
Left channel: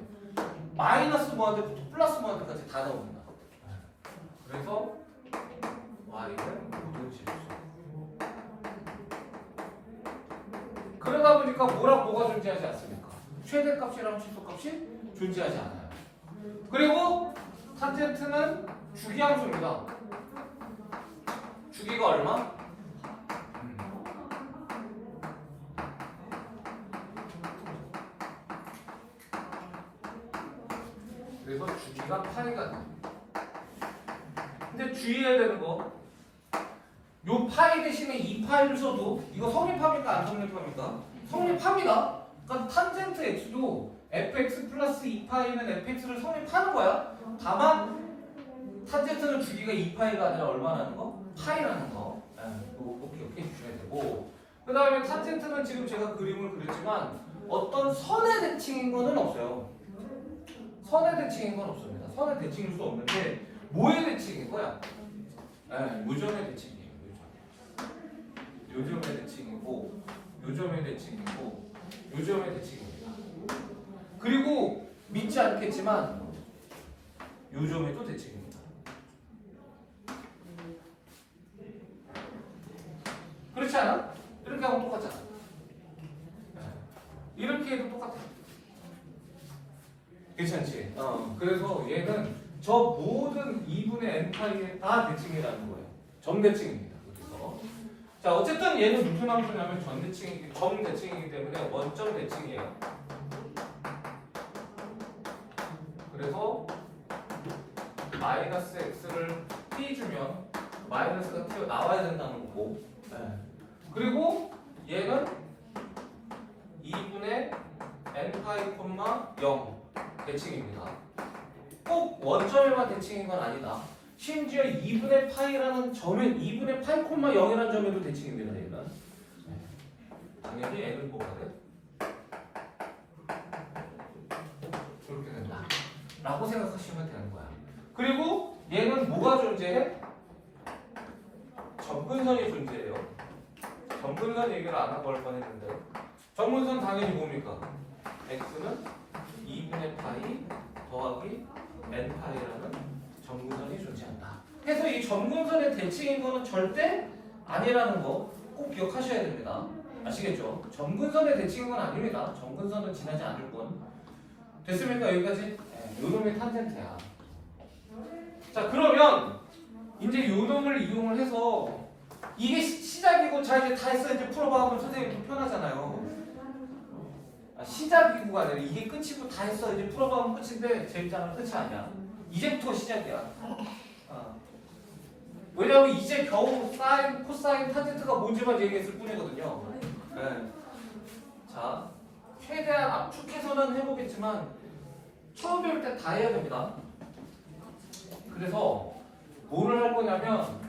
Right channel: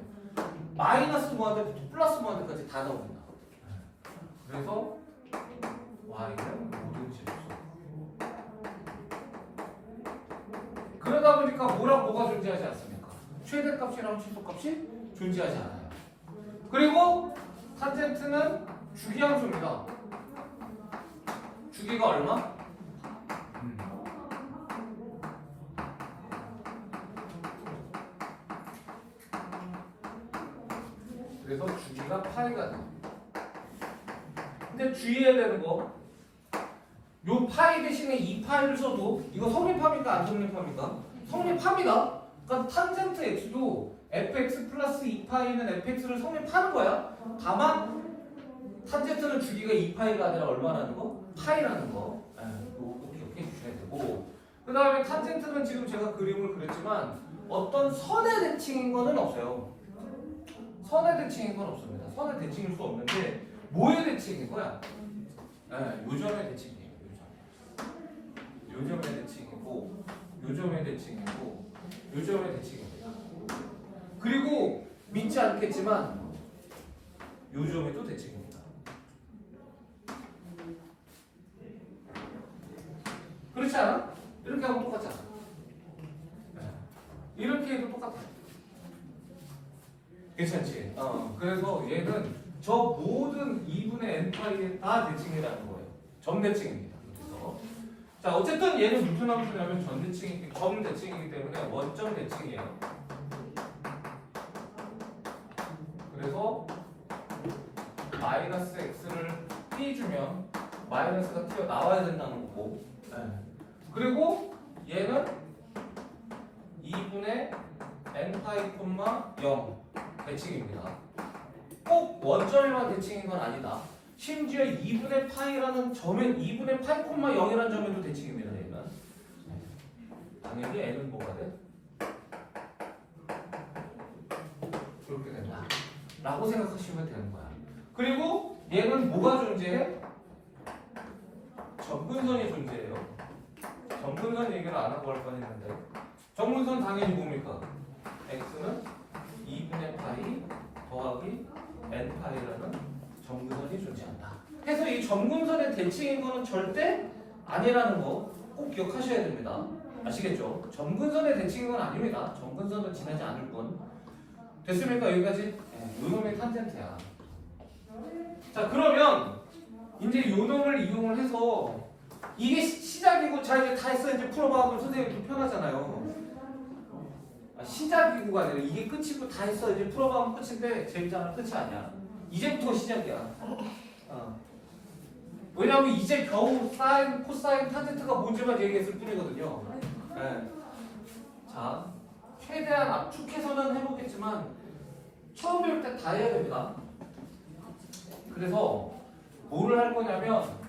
마이너스 무한대부터 플러스 무한대까지 다 나옵니다. 그래서 y는 모든 실수. 그러다 보니까 뭐랑 뭐가 존재하지 않습니까? 최대값이랑 최소값이 존재하지 않아요. 그리고 탄젠트는 주기함수입니다. 주기가 얼마? 그래서 주기가 파이가 돼. 근데 주의해야 되는 거, 요 파이 대신에 2파이를 써도 이거 성립합니까? 안 성립합니까? 성립합니다. 그러니까 탄젠트 x도 fx 플러스 2파이는 fx를 성립하는 거야. 다만 탄젠트는 주기가 2파이가 아니라 얼마라는 거? 파이라는 거. 꼭 기억해 주셔야 되고, 그 다음에 탄젠트는 지금 제가 그림을 그렸지만 어떤 선의 대칭인 거는 없어요. 선의 대칭인 건 없습니다. 선의 대칭일 수 없는데 뭐의 대칭인 거야? 요점의 대칭이에요. 요점의 대칭이고, 요점의 대칭이고, 요점의 대칭입니다. 그리고 믿지 않겠지만 요점에도 대칭입니다. 그렇지 않아? 이렇게 하면 똑같잖아. 이렇게 해도 똑같아. 괜찮지? 그래서 얘는 저 모든 2분의 n파이에 다 대칭이라는 거예요. 점대칭입니다. 그래서 자 어쨌든 얘는 무슨 함수냐면 점대칭이기 때문에 원점 대칭이에요. 그래서 마이너스 x를 띄주면 마이너스가 튀어나와야 된다는 거고, 그리고 얘는 2분의 n파이, 0 대칭입니다. 꼭 원점에만 대칭인 건 아니다. 심지어 2분의 파이라는 점에 2분의 파이, 0이라는 점에도 대칭입니다. 얘는 당연히 n은 뭐가 돼? 그렇게 된다 라고 생각하시면 되는 거야. 그리고 얘는 뭐가 존재해? 점근선이 존재해요. 점근선 얘기를 안 하고 할 뻔했는데 점근선 당연히 뭡니까? x는 2분의 파이 더하기 n파이라는 점근선이 존재한다. 그래서 이 점근선의 대칭인 거는 절대 아니라는 거 꼭 기억하셔야 됩니다. 아시겠죠? 점근선의 대칭인 건 아닙니다. 점근선은 지나지 않을 뿐. 됐습니까? 여기까지? 요놈이 탄젠트야. 자 그러면 이제 요놈을 이용을 해서 이게 시작이고 자 이제 다 했어 이제 풀어봐 하면 선생님 좀 편하잖아요. 시작이고가 아니라 이게 끝이고 다 했어 이제 풀어봐 하면 끝인데 재밌잖아. 끝이 아니야. 이제부터 시작이야. 왜냐하면 이제 겨우 사인, 코사인, 탄젠트가 뭔지만 얘기했을 뿐이거든요. 자 최대한 압축해서는 해보겠지만 처음 배울 때 다 해야 됩니다. 그래서 뭐를 할 거냐면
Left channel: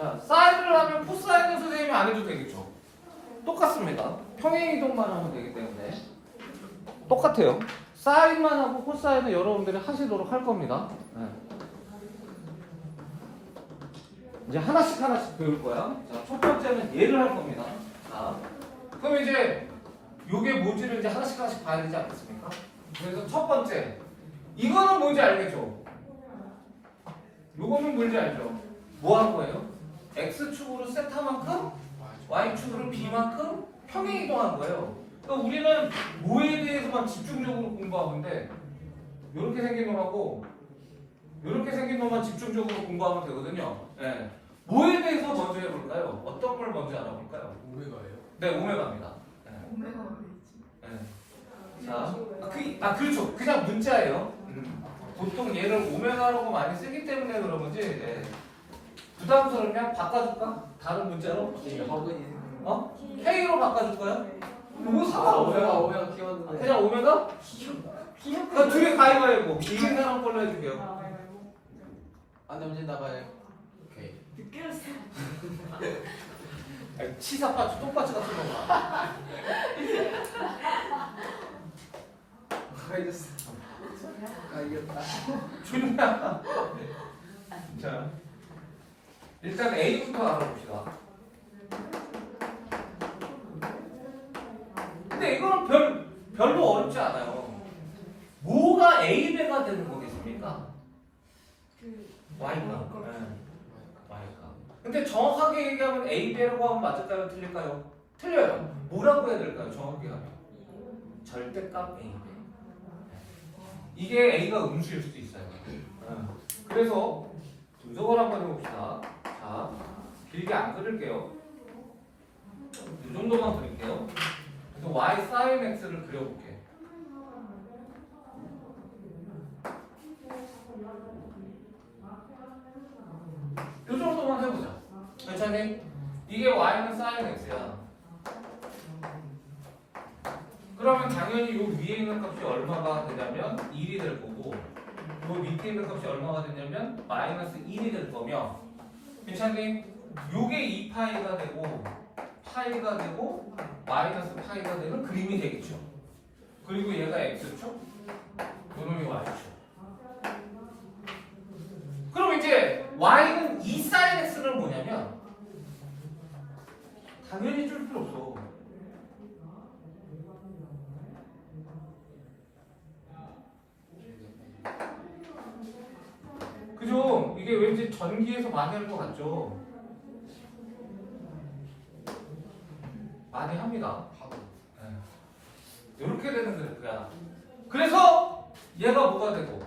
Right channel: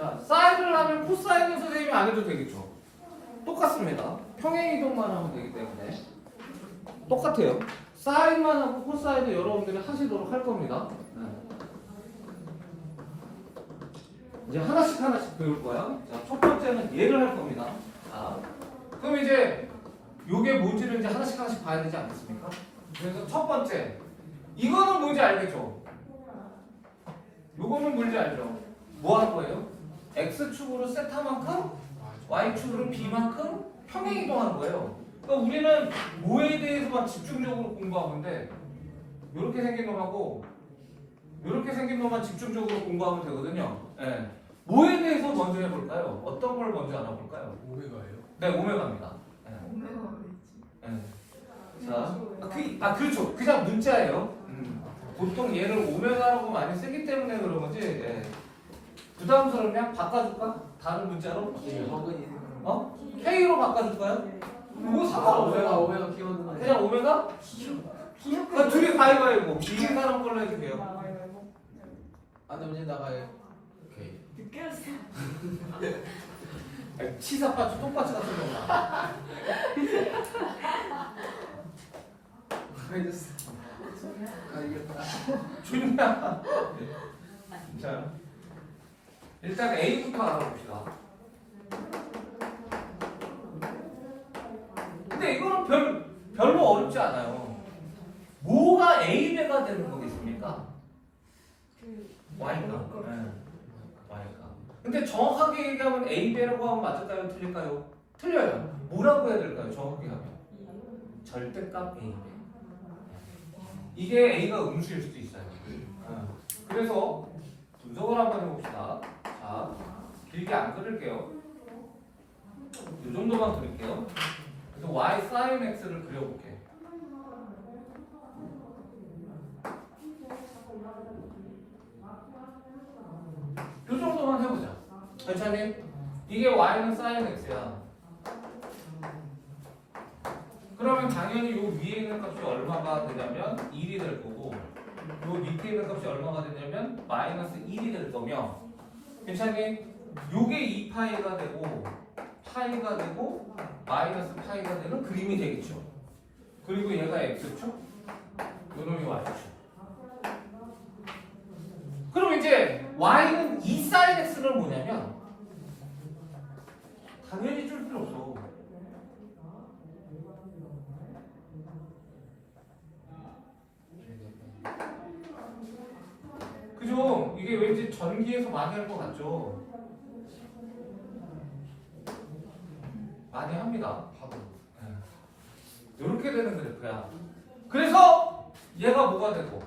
자, 사인을 하면 코사인은 선생님이 안 해도 되겠죠. 똑같습니다. 평행 이동만 하면 되기 때문에 똑같아요. 사인만 하고 코사인은 여러분들이 하시도록 할 겁니다. 네. 이제 하나씩 배울 거야. 자, 첫 번째는 얘를 할 겁니다. 자, 그럼 이제 요게 뭔지를 이제 하나씩 봐야 되지 않겠습니까? 그래서 첫 번째, 이거는 뭔지 알겠죠? 요거는 뭔지 알죠? 뭐 한 거예요? x축으로 세타만큼 y축으로 b만큼 평행 이동한 거예요. 그러니까 우리는 뭐에 대해서만 집중적으로 공부하는데 이렇게 생긴 놈하고 이렇게 생긴 놈만 집중적으로 공부하면 되거든요. 네. 뭐에 대해서 먼저 해볼까요? 어떤 걸 먼저 알아볼까요? 오메가예요? 네, 오메가입니다. 네. 네. 자, 그렇죠. 그냥 문자예요. 보통 얘를 오메가라고 많이 쓰기 때문에 그런 거지. 네. 부담스럽냐? 바꿔줄까? 다른 문자로? 어? K로 바꿔줄까요? 뭐 상관없어요. 오메가 키웠는데. 그냥 오메가? 그럼 둘이 가위바위보. 이긴 사람 걸로 해줄게요. 안돼 문제 나가요. 오케이. 늦게 왔어. 아니, 치사파츠, 똥파츠 같은 거구나. 이겼어. 아 이겼다. 준이야. 자, 일단 A부터 알아봅시다. 근데 이거는 별로 어렵지 않아요. 뭐가 A배가 되는 거겠습니까? Y가. 네. Y가. 근데 정확하게 얘기하면 A배라고 하면 맞을까요? 틀릴까요? 틀려요. 뭐라고 해야 될까요? 정확하게 하면. 절대값 A배. 이게 A가 음수일 수도 있어요. 그래서 분석을 한번 해봅시다. 자, 길게 안 그릴게요. 이 정도만 그릴게요. 그래서 y sin x를 그려볼게. 이 정도만 해보자. 괜찮니? 이게 y는 sin x야. 그러면 당연히 요 위에 있는 값이 얼마가 되냐면 1이 될 거고, 요 밑에 있는 값이 얼마가 되냐면 마이너스 1이 될 거며, 괜찮니? 요게 2파이가 되고 파이가 되고 마이너스 파이가 되는 그림이 되겠죠. 그리고 얘가 x축, 요놈이 y축. 그럼 이제 y는 2 sin x는 뭐냐면 당연히 줄 필요 없어. 그죠? 이게 왠지 전기에서 많이 할 것 같죠? 많이 합니다. 이렇게 되는 그래프야. 그래서 얘가 뭐가 되고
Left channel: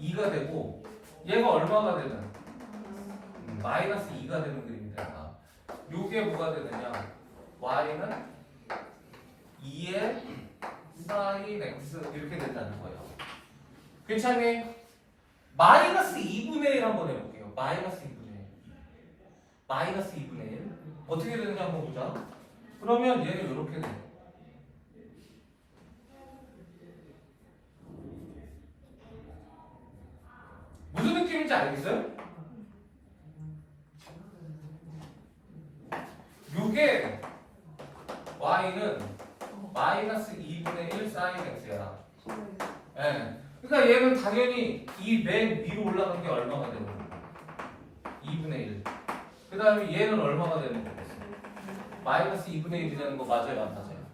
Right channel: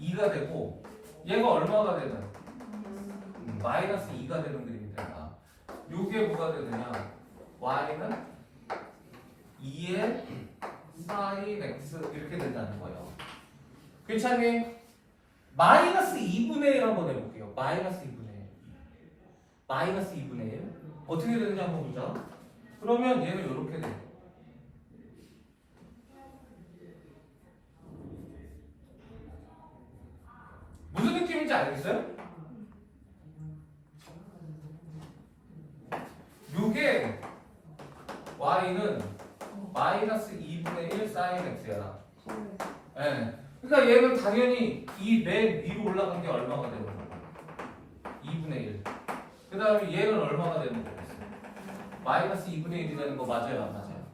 2가 되고 얘가 얼마가 되는 마이너스 2가 되는 그림이 된다. 요게 뭐가 되느냐? y는 2의 sin x 이렇게 된다는 거예요. 괜찮니? 마이너스 2분의 1 한번 해볼게요. 마이너스 2분의 1. 마이너스 2분의 1. 어떻게 되는지 한번 보자. 그러면 얘는 이렇게 돼. 무슨 느낌인지 알겠어요? 요게 y는 마이너스 2분의 1 sin x야. 예. 그러니까 얘는 당연히 이 맨 위로 올라간 게 얼마가 되는 거야? 2분의 1. 그 다음에 얘는 얼마가 되는 거겠어? 마이너스 2분의 1이 되는 거 맞아요? 안 맞아요?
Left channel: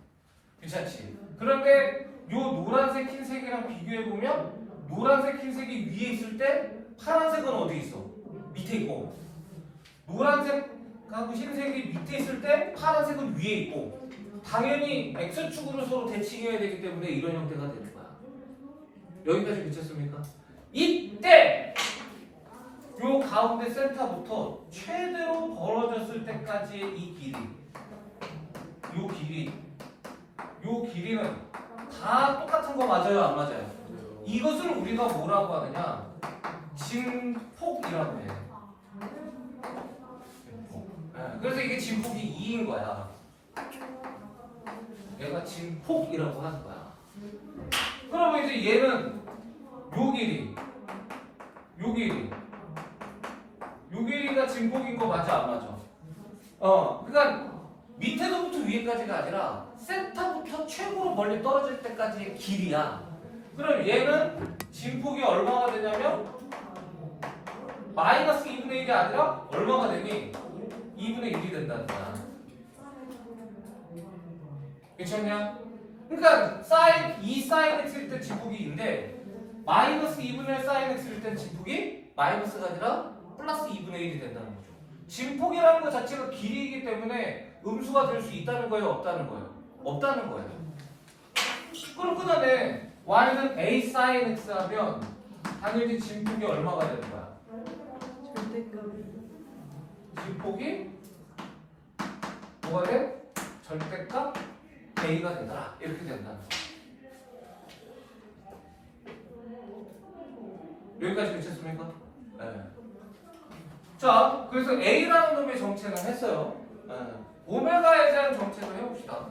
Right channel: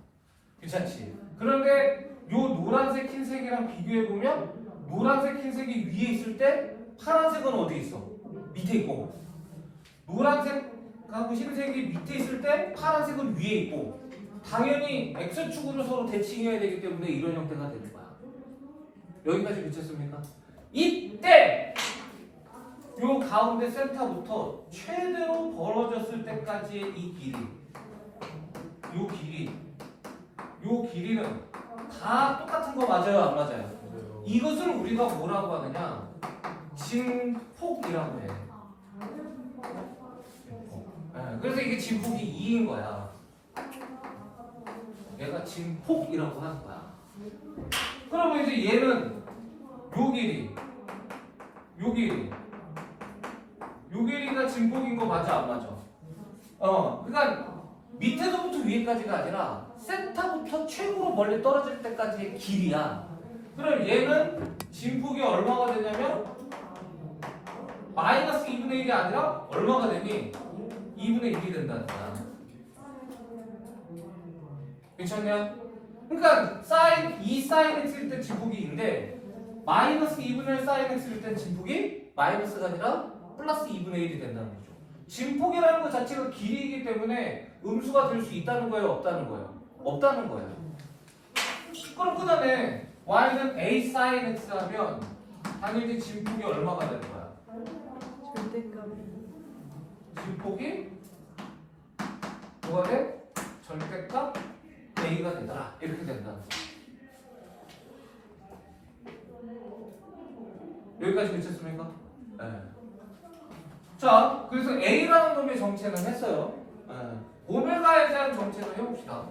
괜찮지? 그런데 요 노란색 흰색이랑 비교해보면 노란색 흰색이 위에 있을 때 파란색은 어디 있어? 밑에 있고, 노란색하고 흰색이 밑에 있을 때 파란색은 위에 있고, 당연히 X축으로 서로 대칭해야 되기 때문에 이런 형태가 되는 거야. 여기까지 괜찮습니까? 이때 요 가운데 센터부터 최대로 벌어졌을 때까지의 이 길이, 요 길이는 다 똑같은 거 맞아요? 안 맞아요? 이것을 우리가 뭐라고 하느냐? 진폭이라고 해. 그래서 이게 진폭이 2인 거야. 얘가 진폭이라고 하는 거야. 그러면 이제 얘는 요 길이 진폭인 거 맞아 안 맞아? 그러니까 밑에서부터 위에까지가 아니라 센터부터 최고로 멀리 떨어질 때까지의 길이야. 그럼 얘는 진폭이 얼마가 되냐면 마이너스 2분의 1이 아니라 얼마가 되니? 2분의 1이 된다는 거야. 괜찮냐? 그러니까 사인 2 사인 x일 때 진폭이 2인데 마이너스 2분의 1 사인 x일 때 진폭이 마이너스가 아니라 플러스 2분의 1이 된다는 거죠. 진폭이라는 것 자체가 길이이기 때문에 음수가 될 수 있다는 거예요, 없다는 거예요? 없다는 거예요. 그럼 그 다음에 y는 a sin x 하면 당연히 진폭이 얼마가 되는 거야? 절대값이 진폭이 뭐가 돼? 절대값 a가 된다. 이렇게 된다는 거. 여기까지 괜찮습니까? 네. 자, 그래서 a라는 놈의 정체는 했어요. 네. 오메가에 대한 정체도 해봅시다.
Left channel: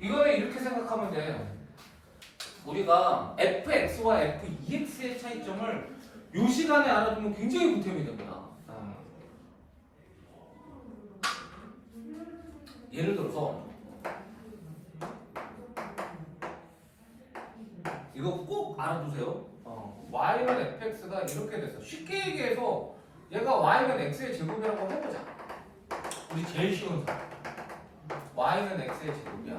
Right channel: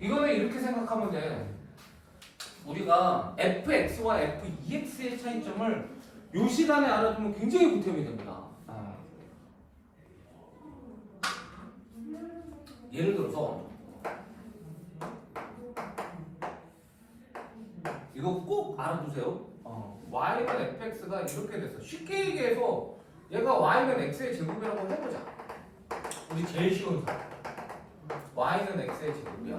이거는 이렇게 생각하면 돼. 우리가 fx와 f2x의 차이점을 요 시간에 알아두면 굉장히 보탬이 됩니다. 예를 들어서 이거 꼭 알아두세요. y는 fx가 이렇게 됐어. 쉽게 얘기해서 얘가 y는 x의 제곱이라고 해보자. 우리 제일 쉬운 사. y는 x의 제곱이야.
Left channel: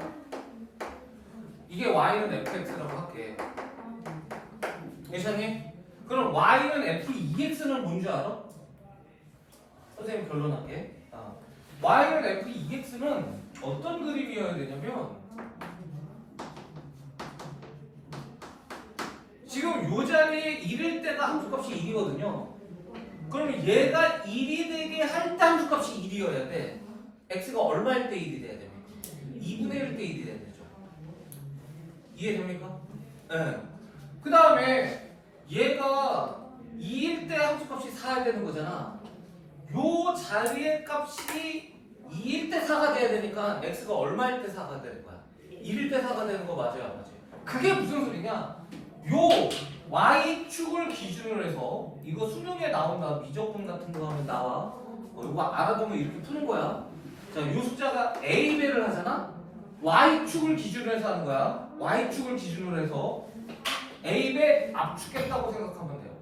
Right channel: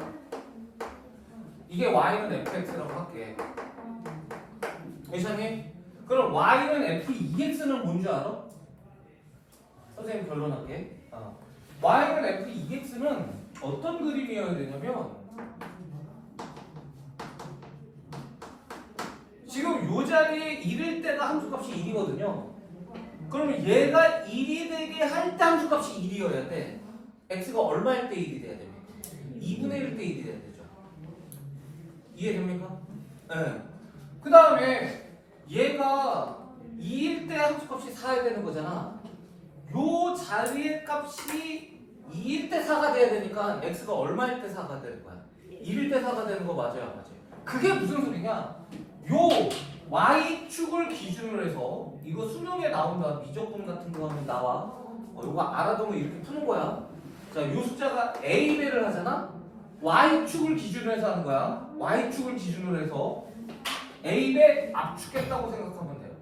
이게 y는 fx라고 할게. 괜찮니? 그럼 y는 f2x는 뭔지 알아? 선생님 결론할게. y는 f2x는 어떤 그림이어야 되냐면 지금 요 자리에 1일 때가 함수값이 1이거든요. 그러면 얘가 1이 되게 할 때 함수값이 1이어야 돼. x가 얼마일 때 1이 돼야 됩니까? 2분의 1 때 1이 돼야 되죠. 이해됩니까? 네. 그 다음에 얘가 2일 때 함수값이 4야 되는 거잖아. 요 자리의 값이 2일 때 4가 돼야 되니까 x가 얼마일 때 4가 되는 거야? 1일 때 4가 되는 거 맞아요? 안 맞아요? 그게 무슨 소리냐? 요 y축을 기준으로 해서 이거 수능에 나온다. 미적분 같은 거 하면 나와. 이거 알아두면 이렇게 푸는 거야. 자, 요 숫자가 a배를 하잖아. y축을 기준으로 해서 하는 거야. y축을 기준으로 해서 a배 압축했다고 생각하면 돼요.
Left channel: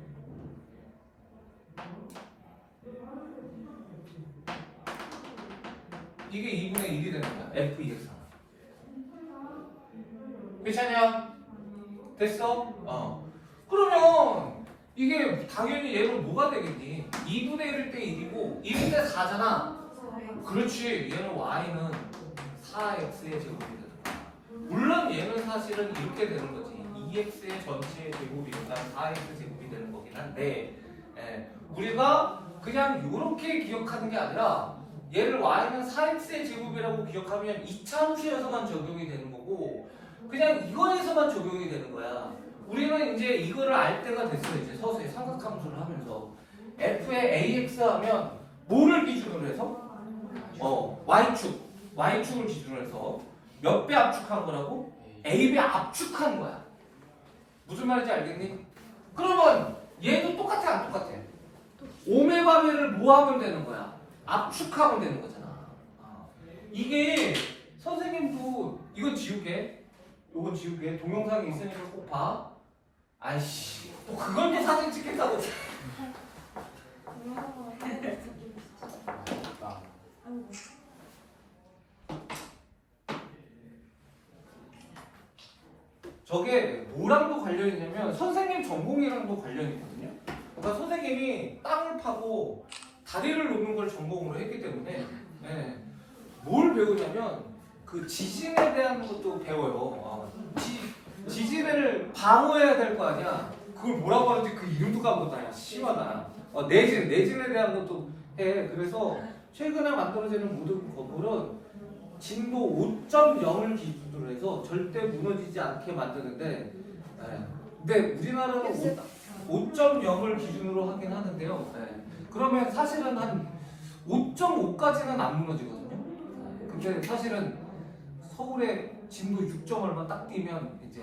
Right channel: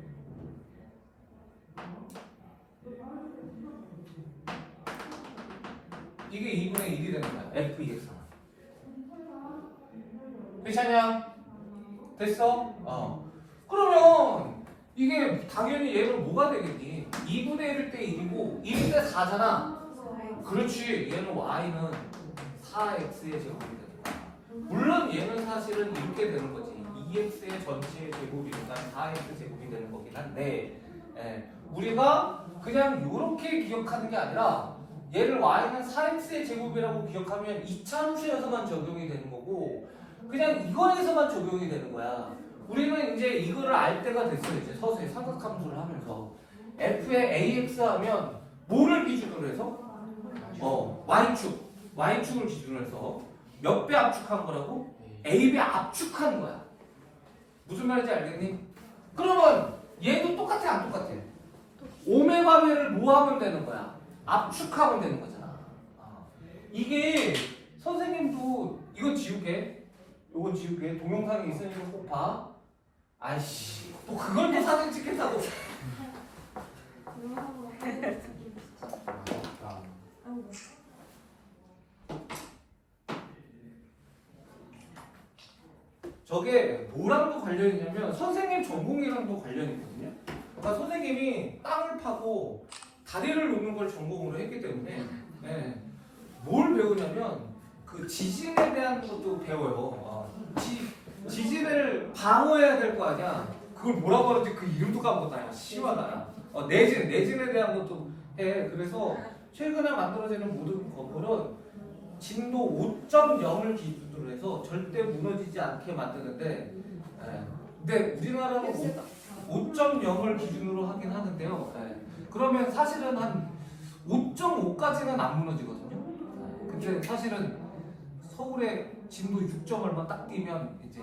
이게 2분의 1이 되는 거야. f2x가. 괜찮냐? 됐어? 그러면 이게 당연히 얘는 뭐가 되겠니? 2분의 1일 때 1이고 1일 때 4잖아. 그렇지. 얘는 y는 4x의 제곱이 되는 거야. 물론 얘는 사실은 이렇게 되는 거지. 2x의 전체 제곱이니까 4x 제곱이 되는 거긴 한데 우리가 그냥 이렇게 기억하는 게 아니라 얘를 y는 4x의 제곱이라고 기억하면 이차 함수에서만 적용이 되는 거고 그냥 이거에서만 적용이 되는 거야. 우리는 이제 이거를 알 때가 됐어요. 이제 서서히 삼각함수를 하면서 f의 ax 하면 뭐를 기준으로 해서? y축을 기준으로 해서 몇 배 압축한 거라고? a배 압축한 거야. 무슨 말인지 알겠니? 그러면 얘도 똑같아 안 똑같아? 오메가배를 뭐 하면 되는 거야? 압축하면 되는 거잖아. 이게 선생님도 이건 지우개, 요건 지우개. 동영상이 있으니까 꼭 봐. 아이씨, 또 그걸 또 사진 찍겠다고. 저게 뭐랑도 관련이 있냐면 선생님 전공이랑도 관련이 있거든요. 그러니까 선생님이 땅을 파고 다리를 놓는 걸 전공으로 했기 때문에 뭘 배우냐면 그 지진에 대한 것도 배워요. 지진을 방어해야 될 거 아니야. 그걸 뭐라고 하는지 그 이름도 까먹었다. 시원하다. 내진에 대한 것도 해. 그래서 최근에 만들어지는 모든 건물은 진도 5.0을 기준으로 해서 절대 무너지지 않게 만드는데 근데 우리나라는 5.0을 기준으로 하긴 하는데요. 그러면 사실은 한 5.5까지는 안 무너지거든요. 근데 사실은 서울에 진도 6점 얼마 딱 뛰면 이제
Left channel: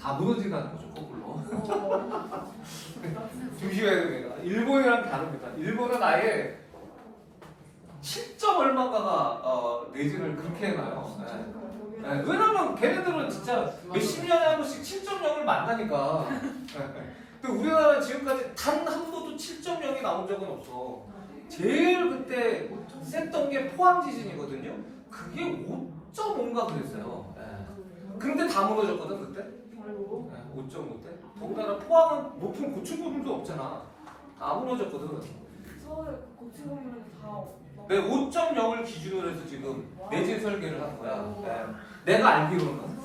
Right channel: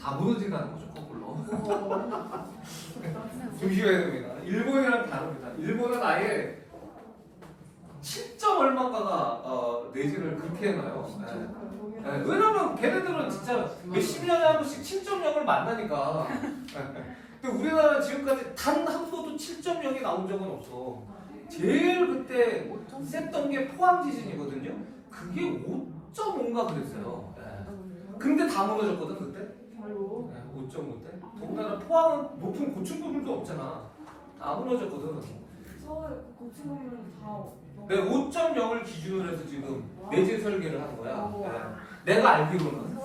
다 무너진다는 거죠, 거꾸로. 조심해야 됩니다. 일본이랑 다릅니다. 일본은 아예 7점 얼마가가 내신을 그렇게 해놔요. 네. 네, 왜냐면 걔네들은 진짜 몇십 년에 한 번씩 7.0을 만나니까. 근데 우리나라는 지금까지 단 한 번도 7.0이 나온 적은 없어. 제일 그때 셌던 게 포항 지진이거든요. 그게 5.5인가 그랬어요. 네. 근데 다 무너졌거든 그때. 네, 5.5 때. 더군다나 포항은 높은 고층건물도 없잖아. 다 무너졌거든. 서울 고층건물은 다 내 5.0을 기준으로 해서 지금 내진 설계를 한 거야. 네. 내가 알기로는.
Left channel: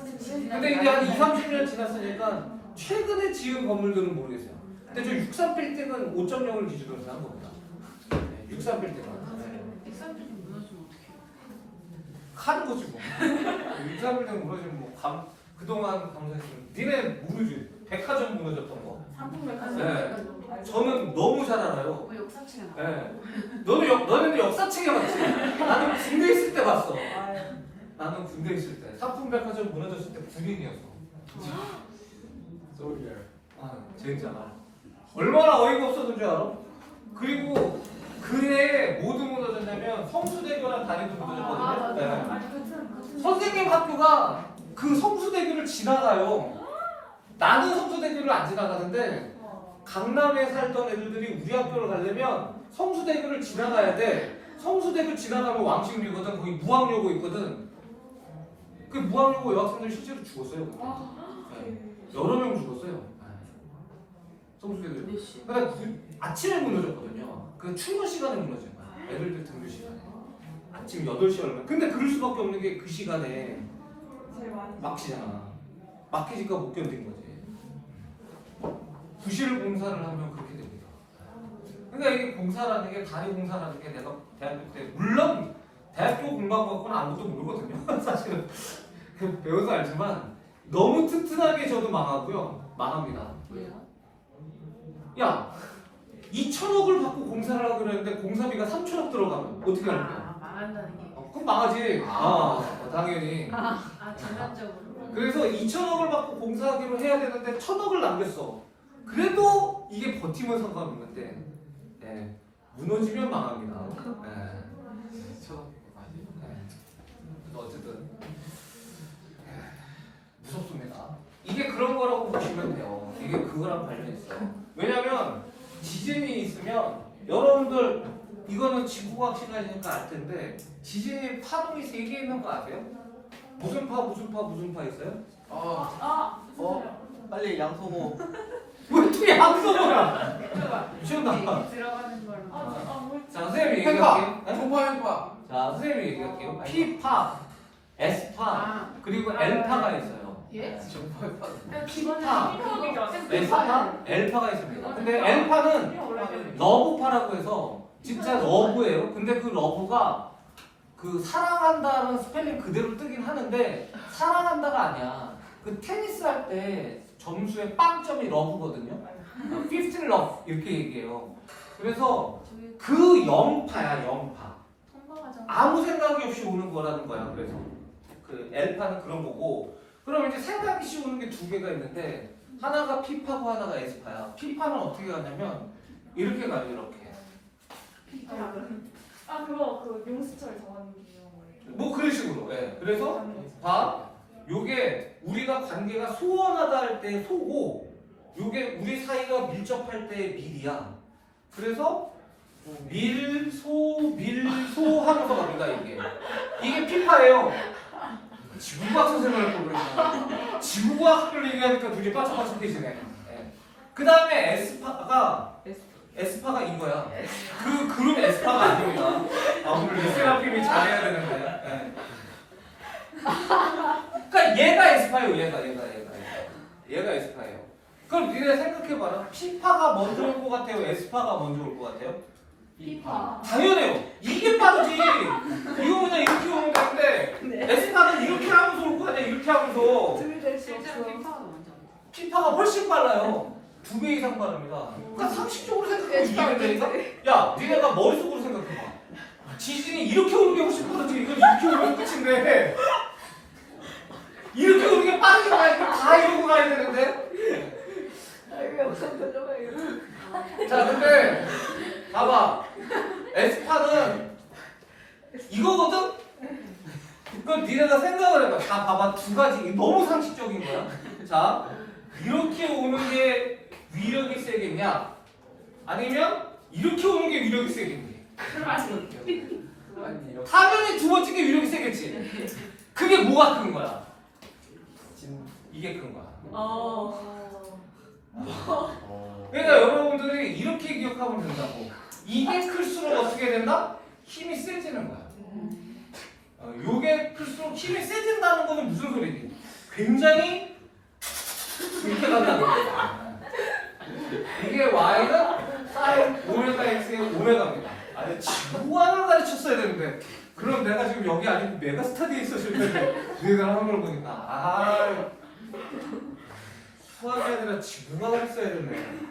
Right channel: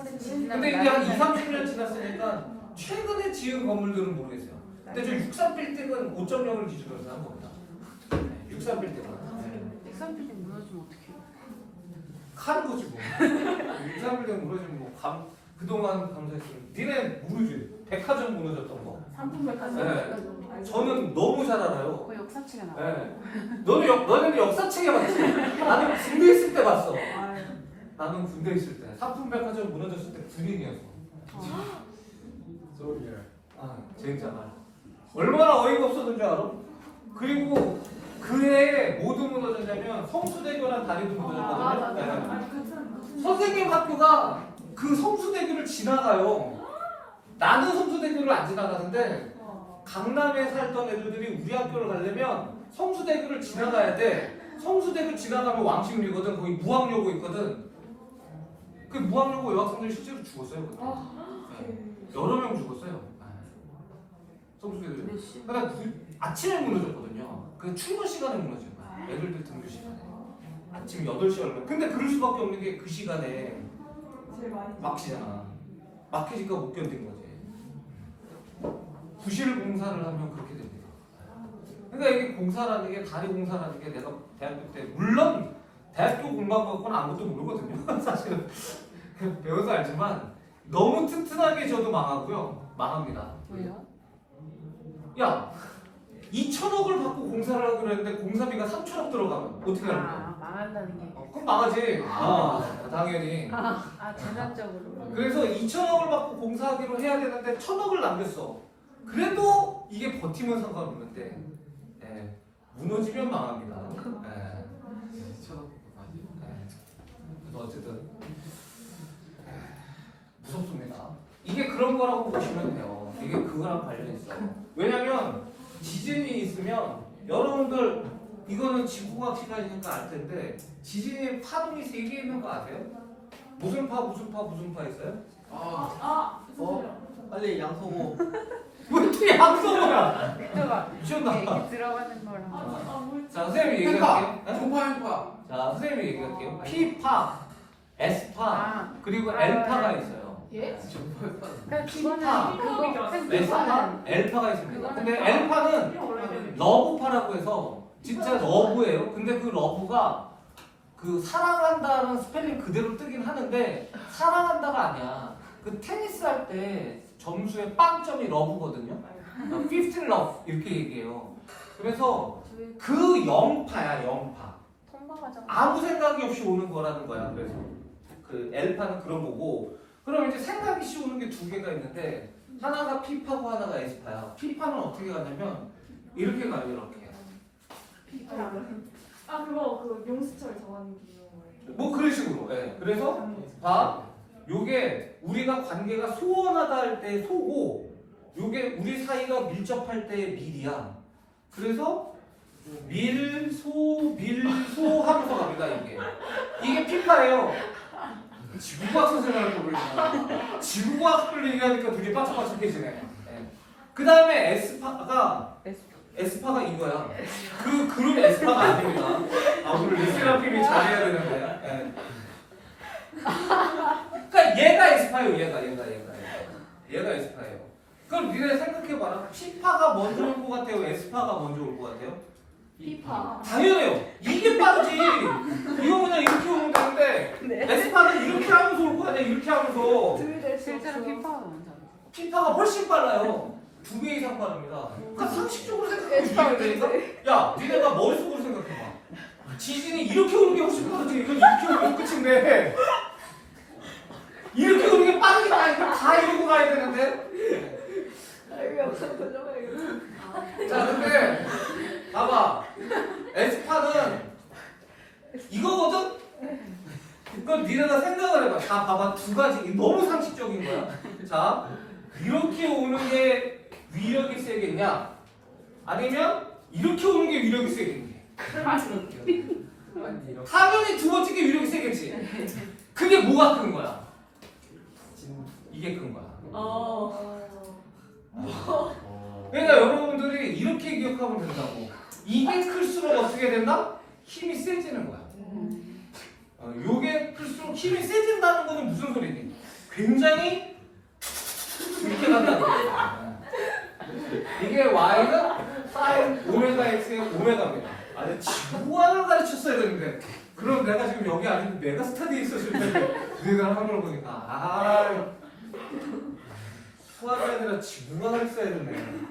근데 이게 한 2, 30년 지났으니까 최근에 지은 건물들은 모르겠어요. 근데 저 63빌딩은 5.0을 기준으로 해서 한 겁니다. 네, 63빌딩은. 네. 63빌딩 무너지면 어떡해요? 하는 거지 뭐. 63빌딩 무너지면 뭐 그동안 감사했으면 니네 모르지. 백화점 무너졌던 거. 상품백화점. 네. 저는 너무 잘 알아요. 그 역사책에 나와. 네. 너는 역사책에 봤지. 나는 군대 있을 때 봤어. 아유. 나는 군대 있을 때 상품백화점 무너졌을 때 군인이었어. 소리야. 아 진짜 얼마나 어이가 없었던 줄 알아? 그리고 그해 뭐도 무너졌냐면 성수대교랑 다리도 무너졌거든요. 네. 선생님 학교가 그 성수대교를 지나가요. 나는 성수대교를 안 지나가는데 강남에 살던 애들이 우리 학교를 가려면 성수대교를 지나가야 돼. 성수대교 지나가면 왕십리거든. 거기 무학여고 있거든. 그 무학여고 여학생들이 실제로 죽었어요. 그때. 네. 여러 명 죽었어요. 성수대교. 몇 시? 근데 아침에 무너졌거든요. 그 출근 시간에 무너진 거야. 애들들 등교 시간에. 아침 8시 얼마. 근데 그럴 수밖에 없는 게 그 시간에 제일 많이 막히잖아. 막히니까 못 견딘 거지. 부실 공사를 하면 그렇게 됩니다. 그러니까 이게 공사라는 게 다리 공사라는 게 내가 대학교 때 물론 대학교 공부한 것과는 아무것도 모르거든요. 사실은 배워서 알지만 너무 튼튼하게 저도 망하고요. 망합니다. 왜요? 야 2천억을 받고 공사를 하기로 했는데 공사비가 3천억 들어가면 어떻게 하는 거야? 망한다는 게. 그럼 망하지. 당연히. 전환적으로. 그래서 2천억을 받고 공사하기로 해야 되는데 1,000억을 남겼어. 그래도 이게 버티면 상관없는데 네, 무너지면 망합니다. 네. 그래서 어쨌든 무섭습니다. 이게 그런 거라고 보시면 돼요. 이게 그거랑 관련이 있어요. 왜냐면 지진이 있으면 여러분들 이거는 지구과학 시간이니까 알 텐데 지진이 파동이 3개 있는 거 아세요? 무슨 파 있어요? 빨리 양소모. 왜 또 양소모야? 미쳤나? 들어가는 걸로. 자 선생님이 팽파. 얘기할게요. 네? 총파 팽파. 자 선생님이 얘기할게요. P파, S파 그리고 L파가 있어요. 예? 총파 팽파. P파, 핑크업이죠. S파, L파가 있습니다. 근데 L파는 러브파라고 해서 진짜 러브예요. 근데 그 러브가 그 사랑한다는 스펠링 그대로 뜨긴 하는데 사랑한다가 아니야. 그 테니스 할 때 점수의 빵점이 러브거든요. 15 love 이렇게 얘기해요. 그래서 그 영파야 영파. 아무 생각이 없이 오는 거라는 거야. 그래서 그 L파는 그런 거고. 그럼 이제 생각이 씨 오는 게 2개가 있는데 하나가 P파고 하나가 S파야. P파는 어떻게 가냐면 이렇게 가요. 이렇게. 그거 그 용수철 정하는 기용. 뭐 그런 식으로. 네. 그래서 봐. 요게 우리가 관계가 소원하다 할 때 소고 요게 우리 사이가 밀접할 때 밀이야. 그래서 밀소 하면서 갑니다. 이게 P파예요. 지구과학 선생님을 또 그러잖아. 지구과학을 얘기하니까 되게 바짝바짝해지네. 네. 그 다음에 S파가 이거야. 그 그룹 S파가 아닙니다. 오늘 레세라핌이 잘해야 되는데. 네. 그러니까 얘가 S파예요. 얘가 S파예요. 그럼 니네 생각해봐라. P파가 먼저 올 것 같아요? S파가 먼저 올 것 같아요? 피파. 당연해요. 이게 빠르지. 이거 그냥 이렇게 오면 되는데 S파는 이렇게 하면서 올 거 아니야. 이렇게 하면서. 들이댈 수 실제로 없어. 피파가 먼저. P파가 훨씬 빨라요. 2배 이상 빠릅니다. 그러니까 상식적으로 생각해 주시면 되니까 야, 니네가 머릿속으로 생각해봐. 지진이 이렇게 오는 게 훨씬 빠르지. 이건 이렇게 오면 끝인데 이렇게 오는 게 빠르게 가니까 다 이러고 가야 되는데 이거 영상 돌려봐야겠다. 자, 근데 봐봐. 에스파는 이거거든? 그럼 니네가 생각을 해봐. 다 봐봐. 두 가지. 너무 상식적인 거야. 자, 이렇게 오는 게 위력이 세겠냐? 아니면 이렇게 오는 게 위력이 세겠냐? 아니 이렇게 당연히 두 번째 게 위력이 세겠지. 그게 뭐가 큰 거야? 이게 큰 거야. 그러니까 여러분들이 이렇게 기억하면 된다고. 이게 클수록 어떻게 된다? 힘이 세지는 거야. 요게 클수록 힘이 세진다는 거는 무슨 소리지? 굉장히 이렇게 간다는 거야. 이게 y는 사인 오메가 x의 오메가입니다. 아니 지구안을 가르쳤어야 되는데 그럼 내가 지금 여기 아니고 메가스타디에 있었을 텐데 너희가 하는 걸 보니까 아 수학이 아니라 지구안을 써야 되네.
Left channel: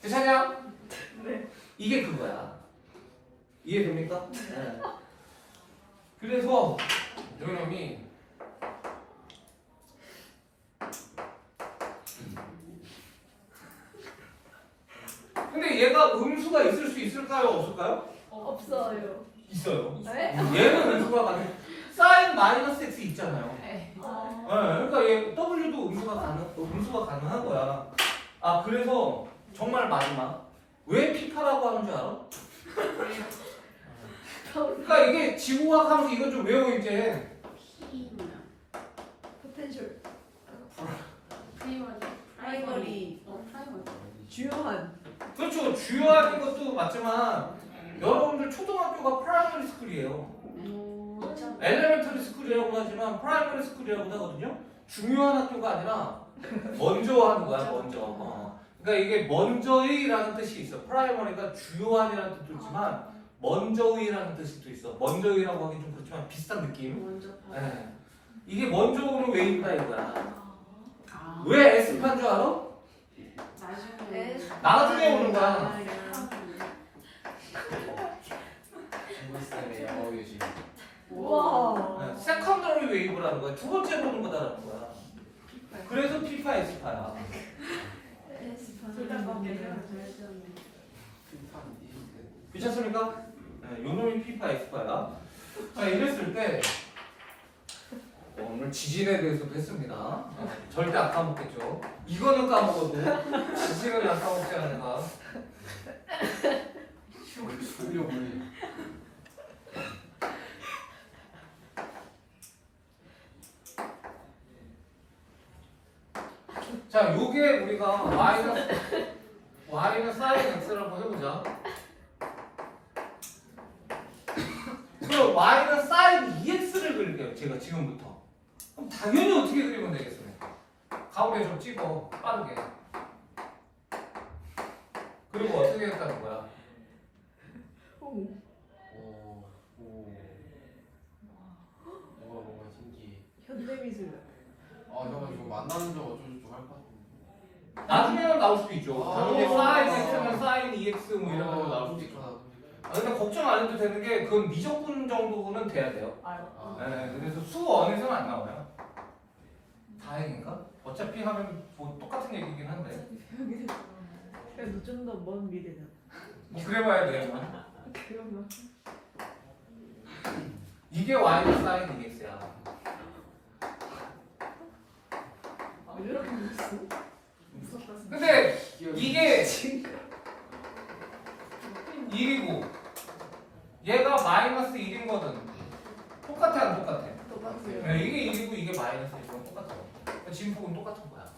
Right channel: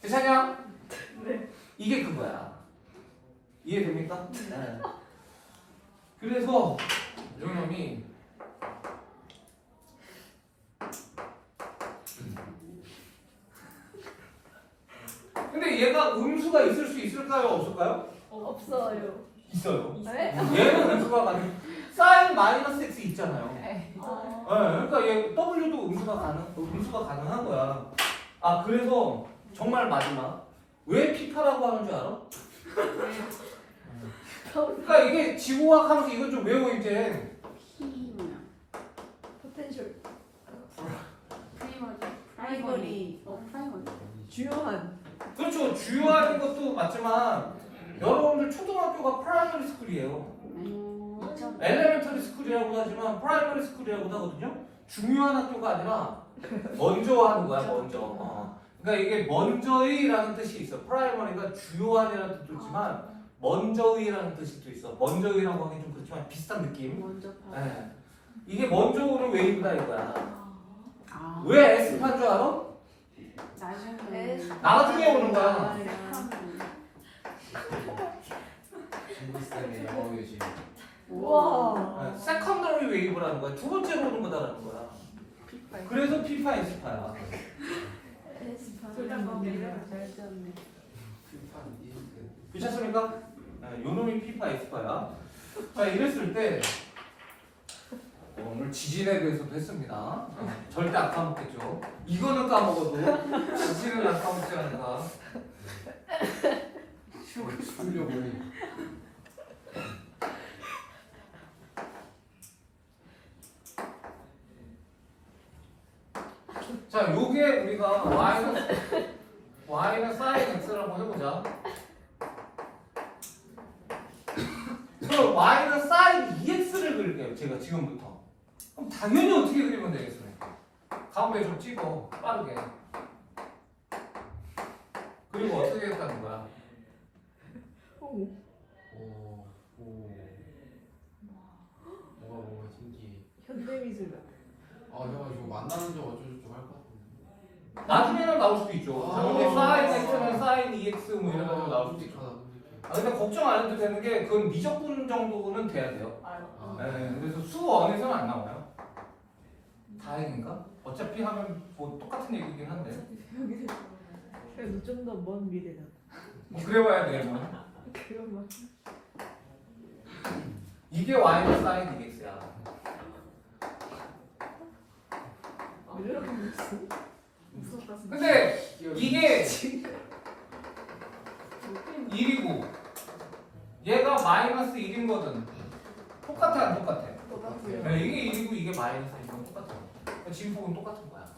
괜찮냐? 네. 이게 그거야. 이해됩니까? 네. 그래서 요놈이 근데 얘가 음수가 있을 수 있을까요? 없을까요? 없어요. 있어요. 네? 얘는 음수가 가능. 사인 마이너스 x 있잖아요. 네, 아, 그러니까 얘 w도 음수가 가능한 거야. 아 그래서 정말 마지막 왜 피파라고 하는 줄 알아? 그러니까 이게 지구과학 하면서 이거 좀 외워 이제. 포텐셜. 프라이머리. 주요한. 그렇죠. 주요한 것도 맞지만 여러분들 초등학교가 프라이머리 스쿨이에요. 엘레멘터리 스쿨이라고 하지만 프라이머리 스쿨이라고 하거든요. 중요한 학교가 아니라 먼저 하는 거야. 먼저. 그러니까 이게 먼저의라는 뜻이 있어. 프라이머리가 주요한이라는 뜻도 있지만 먼저의라는 뜻이 또 있어. 먼저의라고 하기 좀 그렇지만 비슷한 느낌. 먼저. 네. 이게 먼저 오는 웨이브다 이거야. 아. 왜 S파인 줄 알아? 나중에. 나중에 오는 거야. 친구쌤의 영어 교실 우와. 세컨더리 웨이브라는 거야. 두 번째로 오는 거다라는 거야. 그래서 P파 S파야. 괜찮습니까? 네, 요놈이 P파 S파야. 자 이랬을 때 오늘 지진에 대해서도 했습니다. 절대 안 까먹겠죠. 이거는 까먹어도 지진은 안 까먹지 않는다. 충격을 자, 요게 우리가 y는 sin x라고 해보자. 그럼 y는 sin 2x를 그릴게요. 제가 지금부터. 그럼 당연히 어떻게 그리면 되겠습니까? 가운데 좀 찍어 빠르게. 그리고 어떻게 했다는 거야? 뭔가 신기해. 현대미술. 형 이거 만나는 적 어쩌고저쩌고 할 것 같은데. 나중에는 나올 수도 있죠. 당연히 아. sin x는 sin 2x 뭐 이런 거 나올 수도 있죠. 아 근데 걱정 안 해도 되는 게 그건 미적분 정도는 돼야 돼요. 네, 그래서 수원에서는 안 나와요. 다행인가? 어차피 하면 뭐 똑같은 얘기긴 한데. 그래도 좀 더 먼 미래다. 뭐 그래봐야 돼요. 그러면. 이게 y는 sin 2x야. 왜 이렇게 무서워? 무섭다 진짜. 근데 이게 1이고 얘가 마이너스 1인 거는 똑같아 안 똑같아? 똑같아요. 네, 이게 1이고 이게 마이너스 1이건 똑같아요. 진폭은 똑같은 거야.